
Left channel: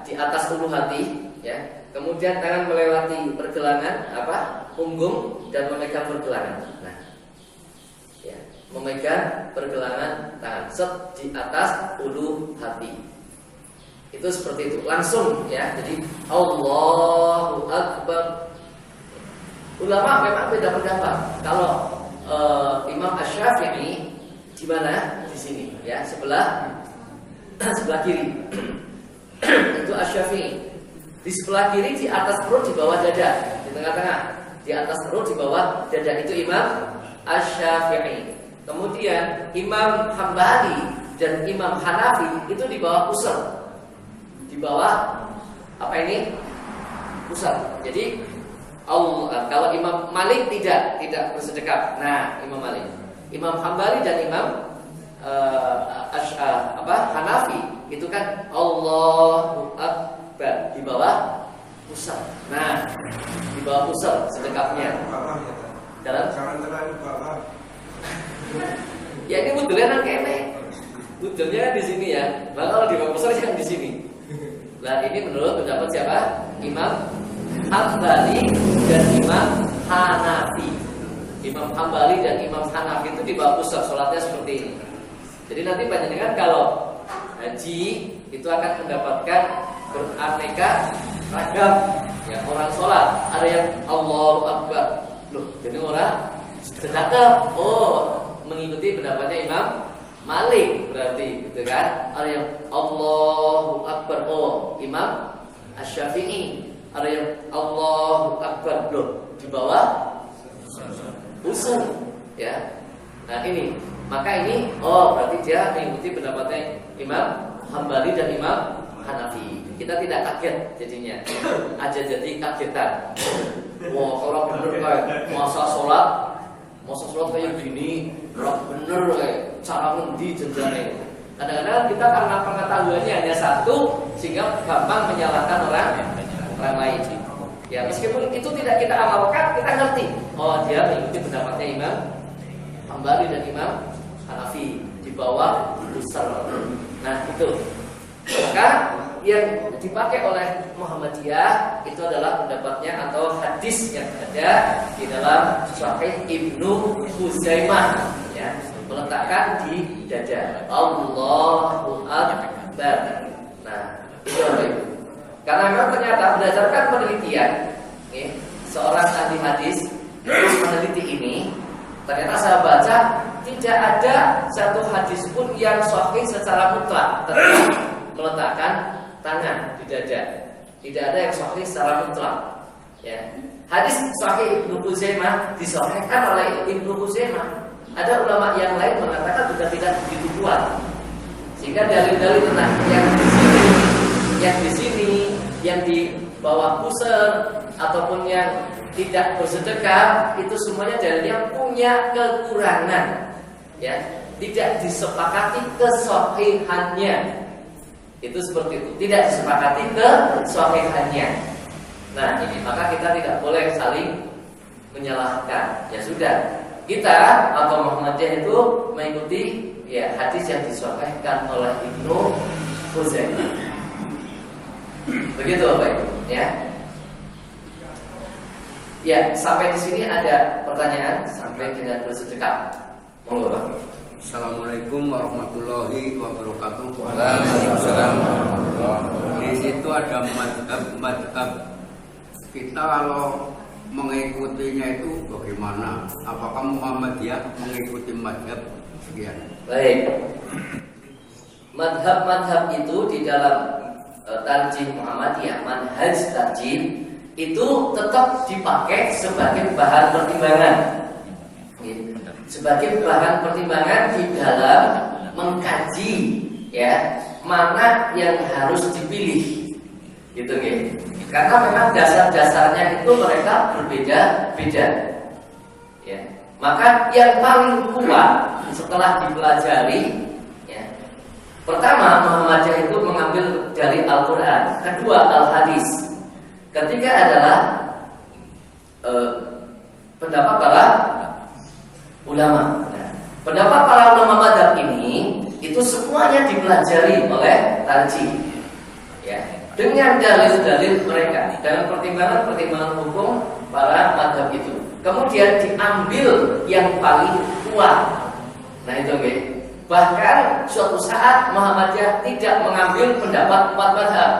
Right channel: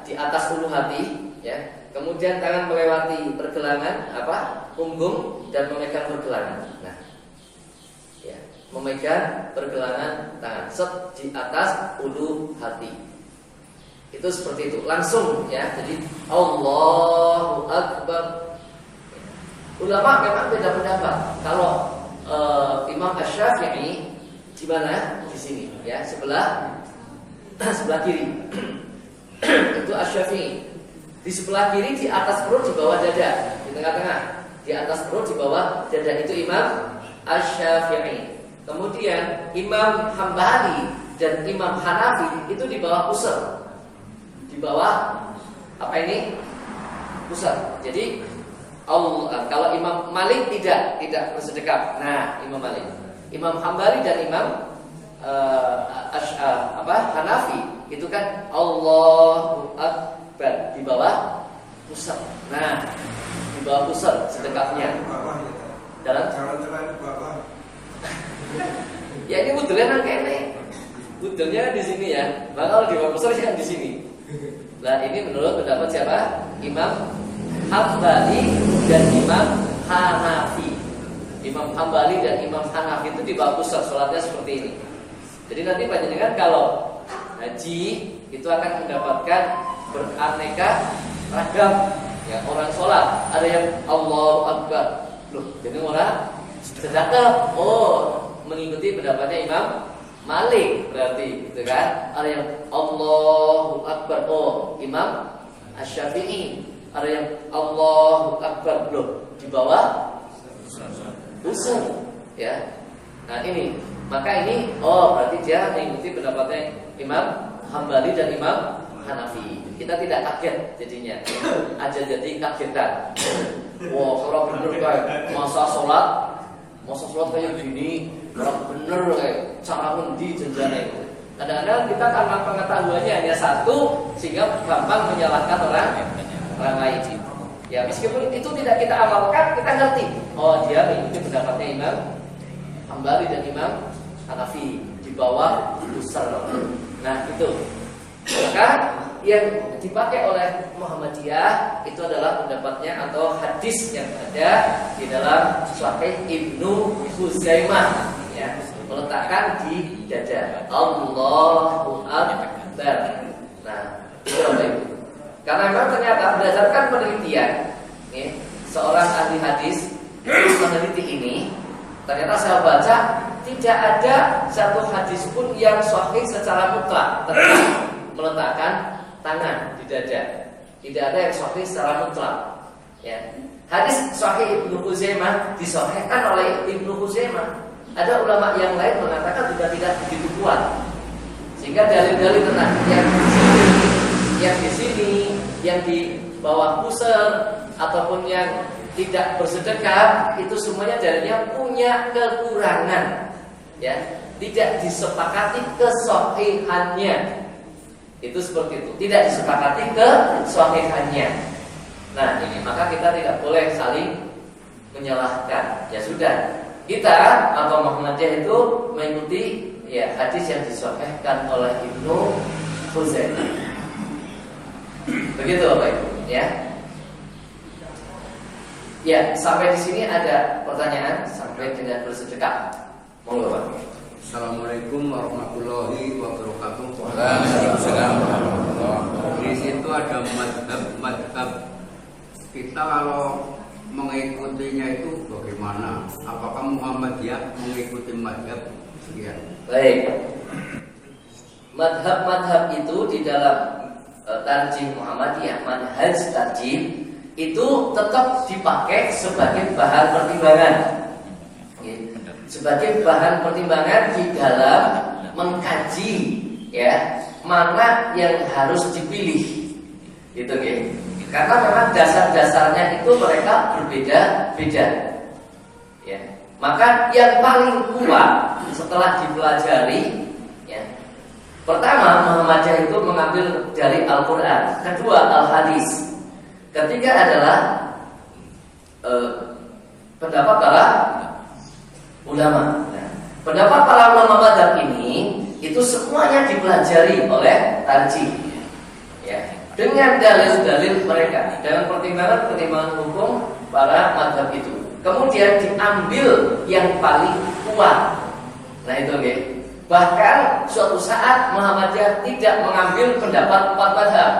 di atas ulu hati ya. Kemudian tangan melewati pergelangan punggung dan memegang pergelangan. Nah, ya, memegang pergelangan tangan set di atas ulu hati. Itu seperti itu, langsung ya. Jadi Allahu Akbar. Ulama memang beda pendapat. Kalau Imam Asy-Syafi'i di mana? Di sini ya, sebelah kiri. Itu Asy-Syafi'i. Di sebelah kiri, di atas perut, di bawah dada, di tengah-tengah. Di atas perut, di bawah dada, itu Imam Asy-Syafi'i. Kemudian Imam Hambali dan Imam Hanafi itu di bawah pusat. Di bawah pusat. Jadi kalau Imam Malik tidak bersedekap. Nah, Imam Malik, Imam Hambali dan Imam Hanafi itu kan Allahu Akbar di bawah pusat. Nah, di bawah pusat sedekapnya. Dalam ya ini wudhunya kan kene. Wudhunya di sini ya. Maka kalau di bawah pusat kan di sini. Nah, ini menurut pendapat siapa? Imam Hambali dan Imam Hanafi. Imam Hambali dan Imam Hanafi itu di bawah pusat, sholatnya seperti ini. Jadi nanti panjenengan kalau haji itu akan mendapatkan beraneka ragam ya orang sholat. Ada yang Allahu Akbar. Loh, jadi orang sedekap. Oh, mengikuti pendapatnya Imam Malik berarti gitu kan. Ada yang Allahu Akbar. Oh, Imam Asy-Syafi'i. Ada yang Allahu Akbar. Loh, di bawah pusat. ya. Nah ini, maka ini berarti dia mengikuti pendapatnya Imam Hambali dan Imam Hanafi. Kita tidak kaget jadinya, aja jadi kagetan. Wah kalau bener kayak masa sholat kayak gini, orang bener kayak cara ngendi jenjane. Kadang-kadang kita karena pengetahuannya hanya satu sehingga gampang menyalahkan orang lain. Ya meskipun itu tidak kita amalkan, kita ngerti. Dia mengikuti pendapatnya Imam Hambali dan Imam Hanafi di bawah usul. Nah itu. Maka yang dipakai oleh Muhammadiyah itu adalah pendapatnya atau hadis yang ada di dalam Sahih Ibnu Huzaimah, ya, meletakkan di dada. Allahu Akbar. Nah itu apa itu? Karena memang ternyata berdasarkan penelitian, seorang ahli hadis meneliti ini, ternyata saya baca tidak ada satu hadis pun yang sahih secara mutlak tentang meletakkan tangan di dada. Tidak ada yang sahih secara mutlak. Ya. Hadis sahih Ibnu Huzaimah disahihkan oleh Ibnu Huzaimah. Ada ulama yang lain mengatakan juga tidak begitu kuat. Sehingga dalil-dalil tentang yang di sini, yang di bawah pusar ataupun yang tidak bersedekah itu semuanya dalilnya punya kekurangan, ya, tidak disepakati kesahihannya. Itu seperti itu, tidak disepakati kesahihannya. Nah ini maka kita tidak boleh saling menyalahkan. Ya sudah, kita atau Muhammadiyah itu mengikuti ya hadis yang disahihkan oleh Ibnu Huzaimah. Begitu Bapak Ibu, ya. Ya, sampai di sini ada pertanyaan sampai dengan bersedekah. Monggo, Pak. Assalamualaikum warahmatullahi wabarakatuh. Waalaikumsalam warahmatullahi wabarakatuh. Di situ ada madhab. Kita kalau mengikutinya itu bagaimana? Apakah Muhammadiyah mengikuti madhab? Sekian. Baik. Madhab-madhab itu di dalam tarjih Muhammadiyah, manhaj tarjih itu tetap dipakai sebagai bahan pertimbangan. Sebagai bahan pertimbangan di dalam mengkaji ya mana yang harus dipilih, gitu ya. Karena memang dasar-dasarnya itu mereka berbeda-beda. Ya. Maka yang paling kuat setelah dipelajari, ya, pertama Muhammadiyah itu mengambil dari Al-Quran, kedua Al-Hadis, ketiga adalah pendapat para ulama. Nah, pendapat para ulama madhab ini itu semuanya dipelajari oleh tarjih, ya, dengan dalil-dalil mereka, dengan pertimbangan-pertimbangan hukum para madhab itu. Kemudian diambil yang paling kuat. Nah itu oke. Bahkan suatu saat Muhammadiyah tidak mengambil pendapat 4 madhab,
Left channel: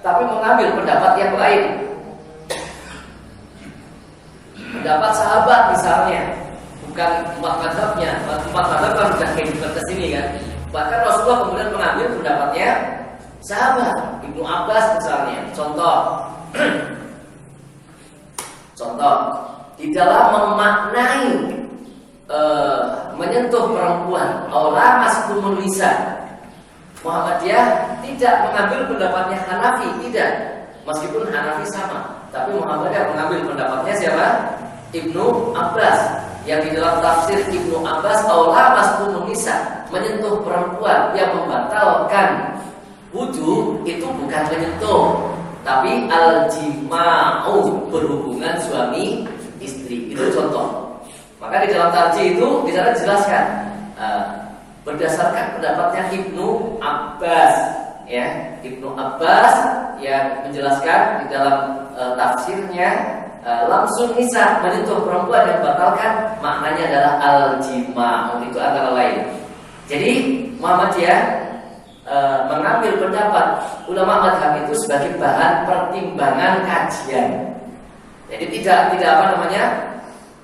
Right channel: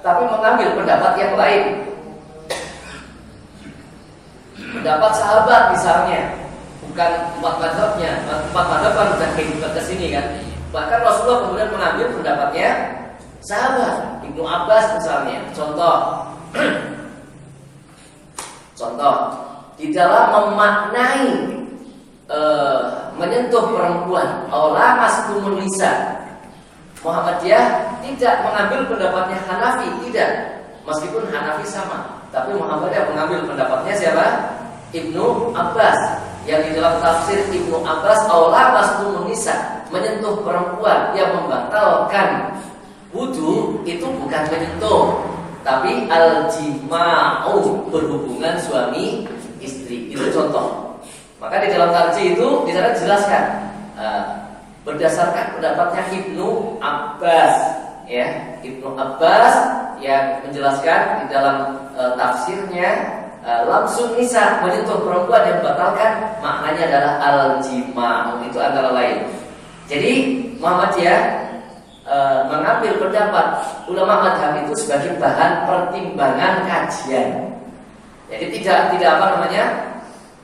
tapi mengambil pendapat yang lain. Pendapat sahabat misalnya, bukan 4 madhabnya. 4 madhab kan sudah kita ke sini kan. Bahkan Rasulullah kemudian mengambil pendapatnya sahabat, Ibnu Abbas misalnya. Contoh di dalam memaknai menyentuh perempuan, orang maskumun lisan, Muhammadiyah tidak mengambil pendapatnya Hanafi, tidak. Meskipun Hanafi sama, tapi Muhammadiyah mengambil pendapatnya siapa? Ibnu Abbas. Yang di dalam tafsir Ibnu Abbas, aula maskumun lisan, menyentuh perempuan yang membatalkan wudu itu bukan menyentuh, tapi al-jima'u, berhubungan suami istri. Itu contoh. Maka di dalam tarjih itu di sana dijelaskan berdasarkan pendapatnya Ibnu Abbas, ya, Ibnu Abbas yang menjelaskan di dalam tafsirnya langsung nisa, menyentuh perempuan yang batalkan, maknanya adalah al-jima'u, itu antara lain. Jadi Muhammadiyah mengambil pendapat ulama madhab itu sebagai bahan pertimbangan kajian. Jadi tidak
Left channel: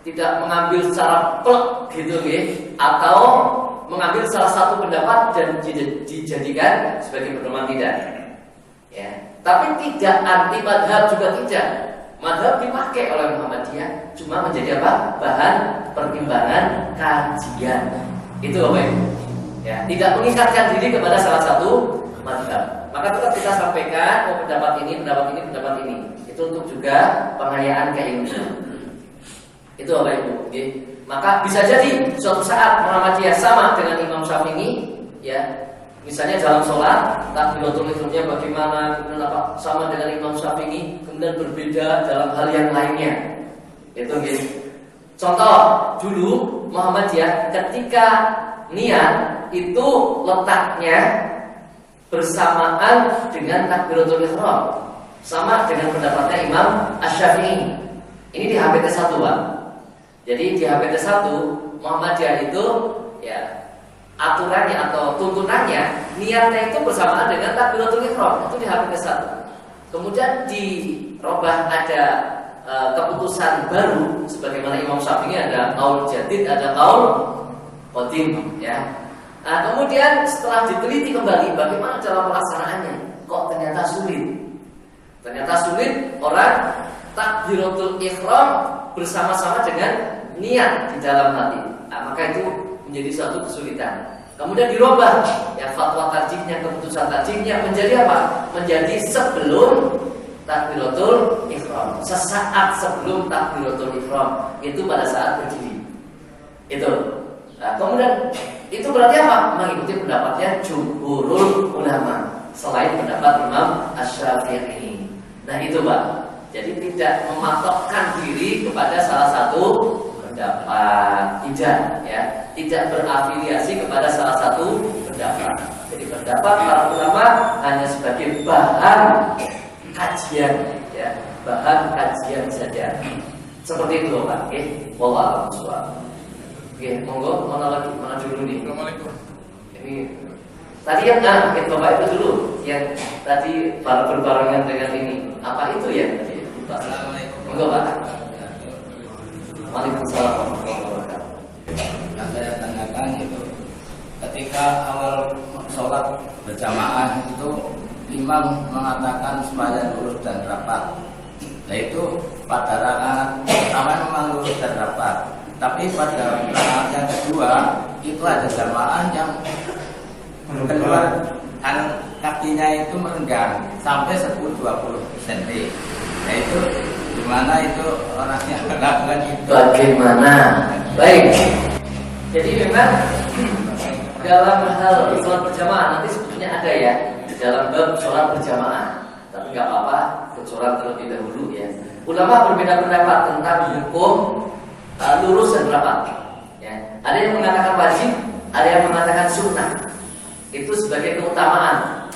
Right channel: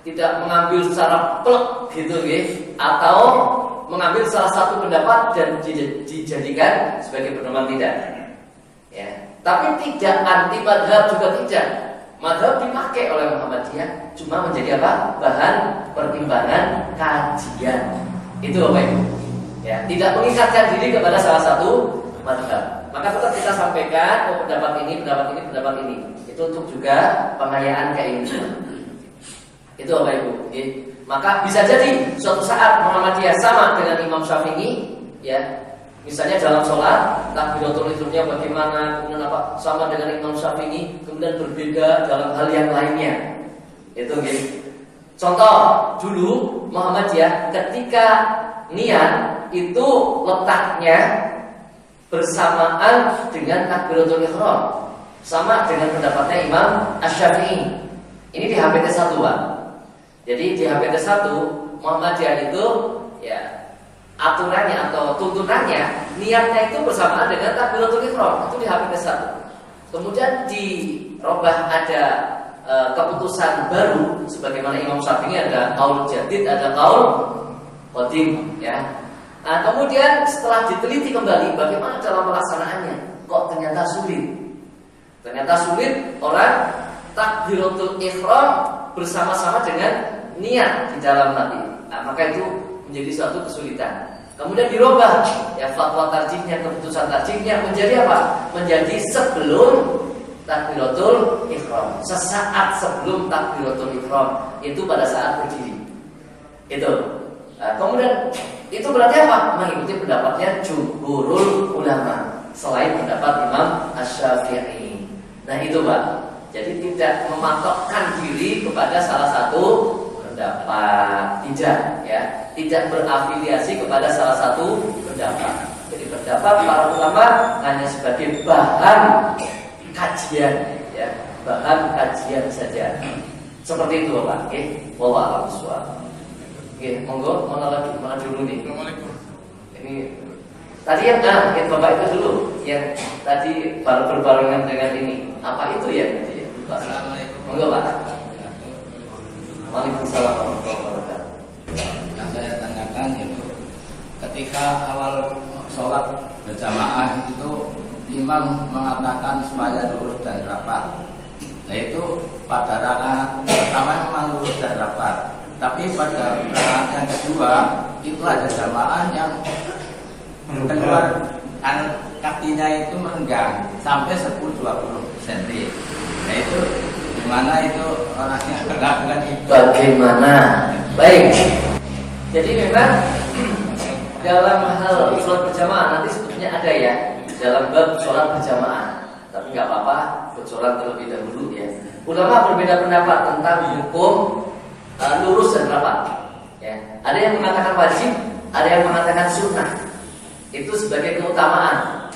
tidak mengambil secara plek gitu ya, atau mengambil salah satu pendapat dan dijadikan sebagai pedoman, tidak. Ya, tapi tidak anti madhab juga tidak. Mazhab dipakai oleh Muhammadiyah cuma menjadi apa? Bahan pertimbangan kajian. Itu Bapak Ibu. Ya, tidak mengikatkan diri kepada salah satu mazhab. Maka tetap kita sampaikan pendapat ini, pendapat ini, pendapat ini. Itu untuk juga pengayaan keilmuan. Itu Bapak Ibu. Okay. Maka bisa jadi suatu saat Muhammadiyah sama dengan Imam Syafi'i, ya. Misalnya dalam sholat, takbiratul ihramnya bagaimana, kemudian apa sama dengan Imam Syafi'i, kemudian berbeda dalam hal yang lainnya. Itu gitu. Contoh dulu Muhammadiyah ketika niat itu letaknya bersamaan dengan takbiratul ihram, sama dengan pendapatnya Imam Asy-Syafi'i. Ini di HPT 1, Pak. Jadi di HPT 1 Muhammadiyah itu ya aturannya atau tuntunannya niatnya itu bersamaan dengan takbiratul ihram, itu di HPT 1. Kemudian dirubah ada keputusan baru sebagaimana Imam Syafi'i ada qaul jadid, ada qaul qadim, ya. Nah, kemudian setelah diteliti kembali bagaimana cara pelaksanaannya, kok ternyata sulit. Ternyata sulit orang takbiratul ihram bersama-sama dengan niat di dalam hati. Nah, maka itu menjadi suatu kesulitan. Kemudian dirubah ya fatwa tarjihnya, keputusan tarjihnya menjadi apa? Menjadi sebelum takbiratul ihram, sesaat sebelum takbiratul ihram, itu pada saat berdiri. Itu. Nah, kemudian itu berarti apa? Mengikuti pendapatnya jumhurul ulama selain pendapat Imam Asy-Syafi'i. Nah, itu Pak. Jadi tidak mematokkan diri kepada salah satu pendapat, tidak ya, tidak berafiliasi kepada salah satu pendapat. Jadi pendapat para ulama hanya sebagai bahan kajian, ya, bahan kajian saja. Seperti itu, Pak. Oke, wallahu a'lam. Oke, monggo mana lagi? Mana dulu nih? Ini tadi yang Bapak itu dulu yang tadi berbarengan dengan ini. Apa itu ya? Monggo, Pak. Waalaikumsalam warahmatullahi wabarakatuh. Yang saya tanyakan itu ketika awal sholat berjamaah itu imam mengatakan supaya lurus dan rapat. Nah itu pada rakaat pertama memang lurus dan rapat. Tapi pada rakaat yang kedua itu ada jamaah yang keluar kakinya itu merenggang sampai 10-20 cm. Nah itu gimana itu orangnya melakukan itu? Bagaimana? Baik. Jadi memang dalam hal sholat berjamaah nanti sebetulnya ada ya dalam bab sholat berjamaah. Tapi nggak apa-apa, bocoran terlebih dahulu ya. Ulama berbeda pendapat tentang hukum lurus dan rapat. Ya. Ada yang mengatakan wajib, ada yang mengatakan sunnah. Itu sebagai keutamaan.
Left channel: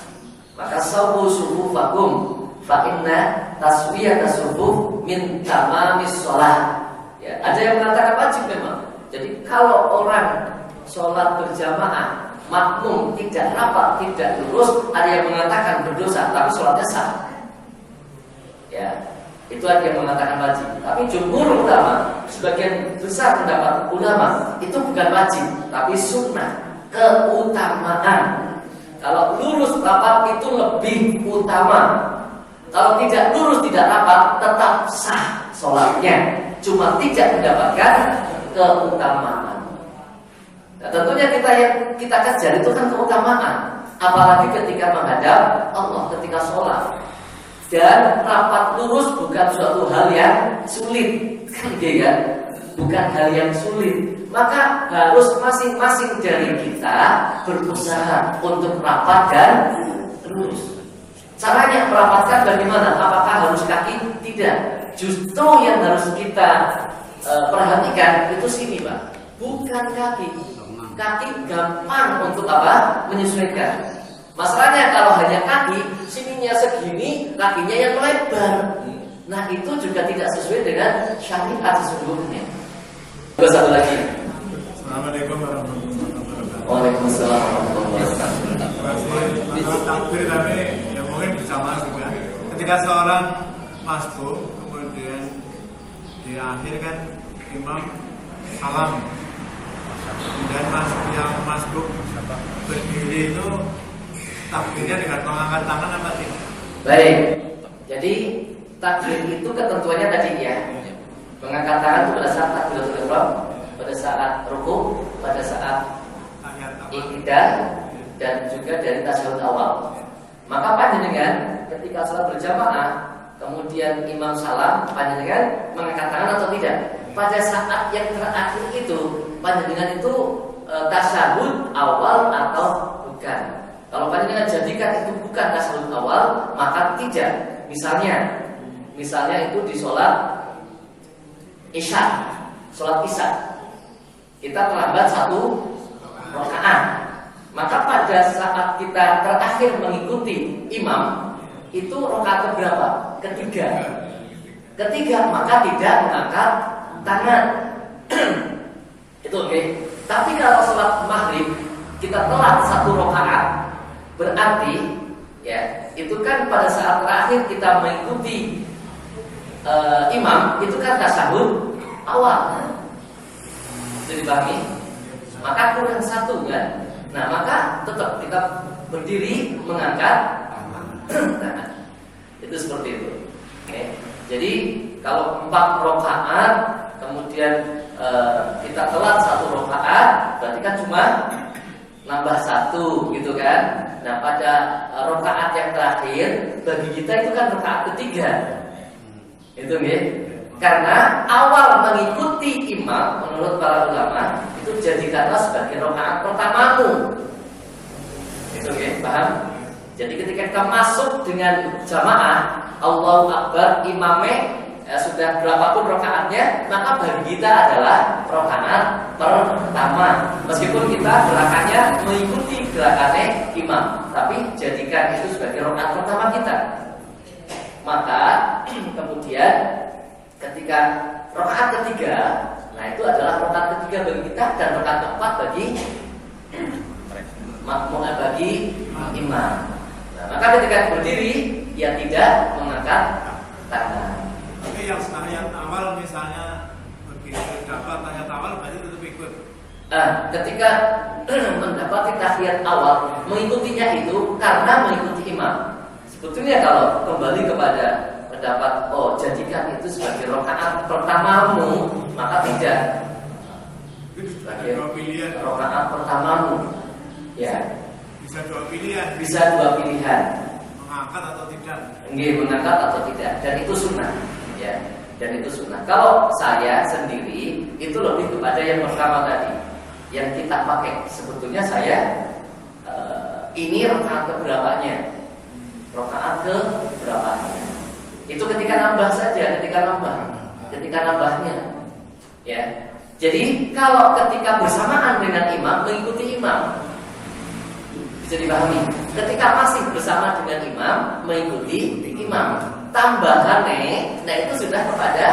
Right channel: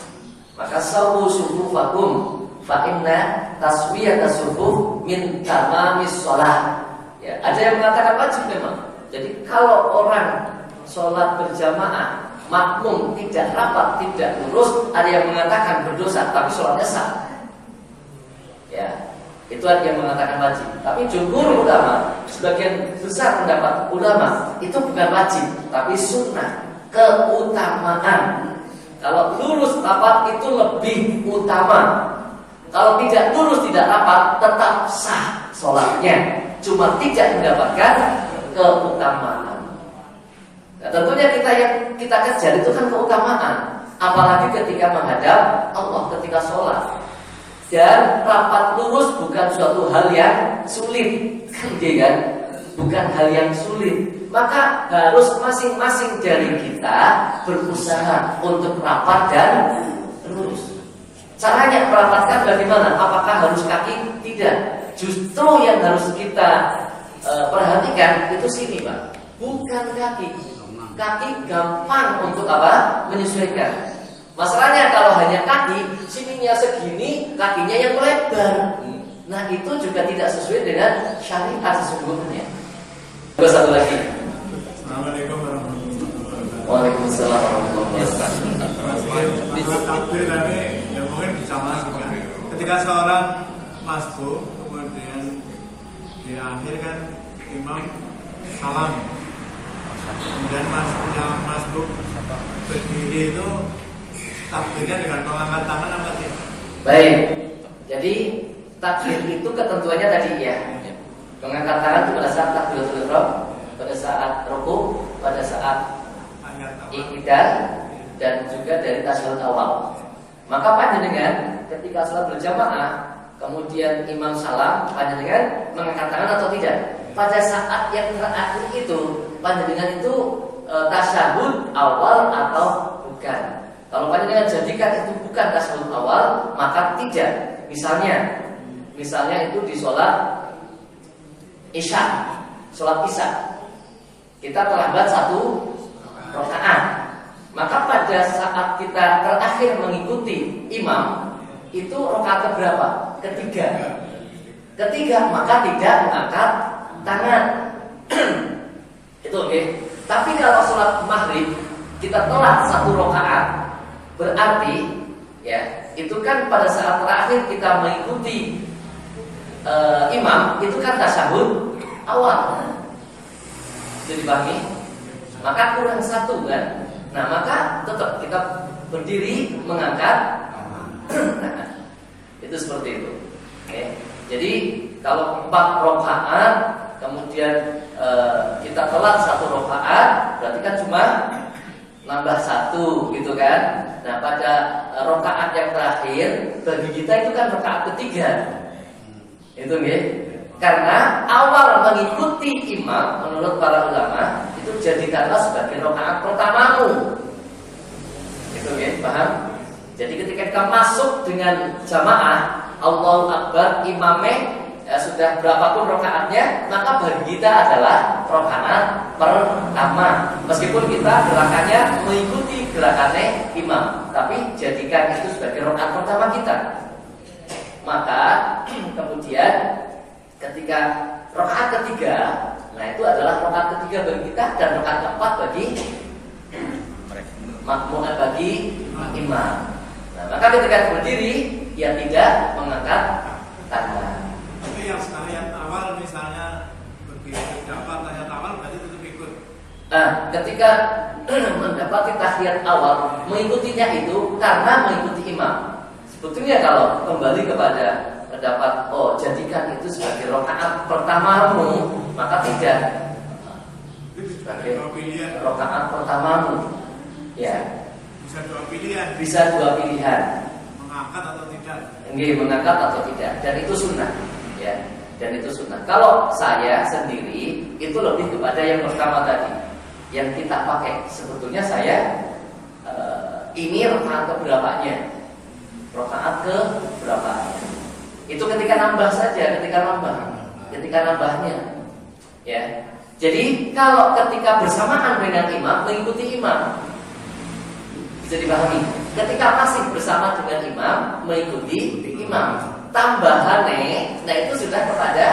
Maka sawu sufufakum fa inna taswiyatas sufuf min tamamis shalah. Ya, ada yang mengatakan wajib memang. Jadi kalau orang sholat berjamaah makmum tidak rapat, tidak lurus, ada yang mengatakan berdosa, tapi sholatnya sah. Ya, itu ada yang mengatakan wajib. Tapi jumhur ulama, sebagian besar pendapat ulama itu bukan wajib, tapi sunnah, keutamaan. Kalau lurus rapat itu lebih utama. Kalau tidak lurus tidak rapat tetap sah sholatnya, cuma tidak mendapatkan keutamaan. Nah, tentunya yang kita kejar itu kan keutamaan, apalagi ketika menghadap Allah, ketika sholat. Dan rapat lurus bukan suatu hal yang sulit, kan? Bukan hal yang sulit. Maka harus masing-masing dari kita berusaha untuk rapat dan lurus. Caranya merapatkan bagaimana? Apakah harus kaki? Tidak. Justru yang harus kita perhatikan itu sini, Pak. Bukan kaki. Kaki gampang untuk apa? Menyesuaikan. Masalahnya kalau hanya kaki, sininya segini, kakinya yang melebar. Nah itu juga tidak sesuai dengan syariat sesungguhnya. Juga satu lagi. Assalamualaikum warahmatullahi wabarakatuh. Waalaikumsalam warahmatullahi wabarakatuh. Takbir tapi ya mungkin bersama juga. Ketika seorang masbuk, kemudian di akhir kan imam salam, kemudian yang masbuk berdiri itu takbirnya dengan mengangkat tangan apa tidak? Baik. Jadi takbir itu ketentuannya tadi ya. Mengangkat tangan itu pada saat takbiratul ihram, pada saat rukuk, pada saat iktidal, dan juga dari tasyahud awal. Maka panjenengan ketika sholat berjamaah, kemudian imam salam, panjenengan mengangkat tangan atau tidak? Pada saat yang terakhir itu, panjenengan itu tasyahud awal atau bukan? Kalau panjenengan jadikan itu bukan tasyahud awal, maka tidak. Misalnya itu di sholat Isya, sholat Isya, kita terlambat 1 rakaat. Maka pada saat kita terakhir mengikuti imam, itu rakaat berapa? Ketiga, maka tidak mengangkat tangan. Itu oke. Tapi kalau sholat maghrib kita telat 1 rakaat, berarti ya itu kan pada saat terakhir kita mengikuti imam, itu kan tasyahud awal. Jadi dipahami? Maka kurang 1 kan? Nah, maka tetap kita berdiri mengangkat tangan. Itu seperti itu. Oke. Jadi kalau 4 rakaat kemudian kita telat 1 rakaat, berarti kan cuma nambah 1 gitu kan. Nah, pada rakaat yang terakhir bagi kita itu kan rakaat ketiga. Itu nih. Karena awal mengikuti imam menurut para ulama itu jadikanlah sebagai rakaat pertamamu. Itu ya, paham? Jadi ketika kita masuk dengan jamaah, Allahu Akbar, imamnya sudah berapapun rakaatnya, maka bagi kita adalah rakaat pertama. Meskipun kita gerakannya mengikuti gerakannya imam, tapi jadikan itu sebagai rakaat pertama kita. Maka kemudian ketika rakaat ketiga, nah itu adalah rakaat ketiga bagi kita dan rakaat keempat bagi makmum, bagi imam. Nah, maka ketika berdiri ya tidak mengangkat tangan. Tapi yang tahiyat awal misalnya begitu dapat tahiyat awal berarti tetap ikut. Nah, ketika mendapati tahiyat awal, mengikutinya itu karena mengikuti imam. Sebetulnya kalau kembali kepada pendapat jadikan itu sebagai rakaat pertamamu, maka tidak. Sebagai rakaat pertamamu. Ya. Bisa dua pilihan. Mengangkat atau tidak. Mengangkat atau tidak, dan itu sunnah. Ya. Dan itu sunnah. Kalau saya sendiri itu lebih kepada yang pertama tadi, yang kita pakai. Sebetulnya saya ini rakaat keberapanya. Rakaat keberapanya. Itu ketika nambah saja, ketika nambahnya. Ya. Jadi kalau ketika bersamaan dengan imam, mengikuti imam, bisa dipahami. Ketika masih bersama dengan imam, mengikuti imam. Tambahannya, nah itu sudah kepada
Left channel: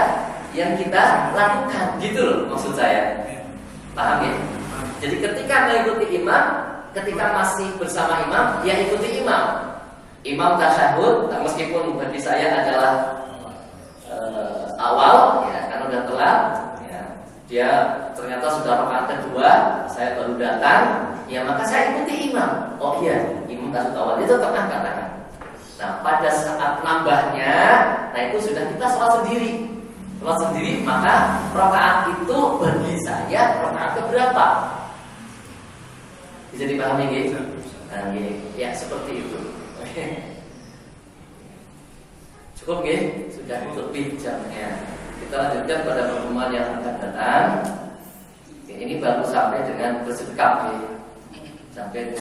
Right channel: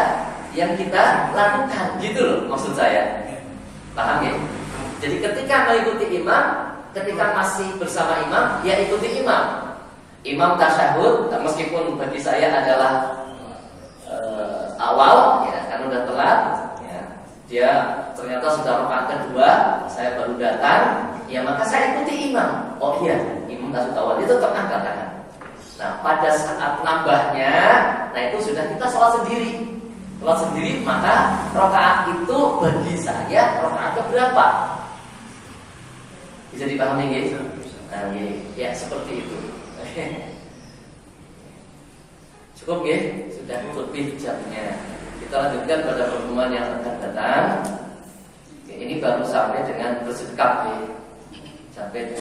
yang kita lakukan, gitu loh maksud saya. Paham ya? Jadi ketika mengikuti imam, ketika masih bersama imam, ya ikuti imam. Imam tasyahud, meskipun bagi saya adalah awal, ya karena udah telat, ya, dia ternyata sudah rakaat kedua, saya baru datang, ya maka saya ikuti imam. Oh iya, imam tasyahud awal itu tetap angkat tangan. Nah pada saat nambahnya, nah itu sudah kita sholat sendiri, maka rakaat itu bagi saya rakaat keberapa? Bisa dipahami gitu? Nah, ya seperti itu. Cukup ya, sudah lebih jamnya. Kita lanjutkan pada pertemuan yang akan datang. Ini baru sampai dengan bersedekap ya. Sampai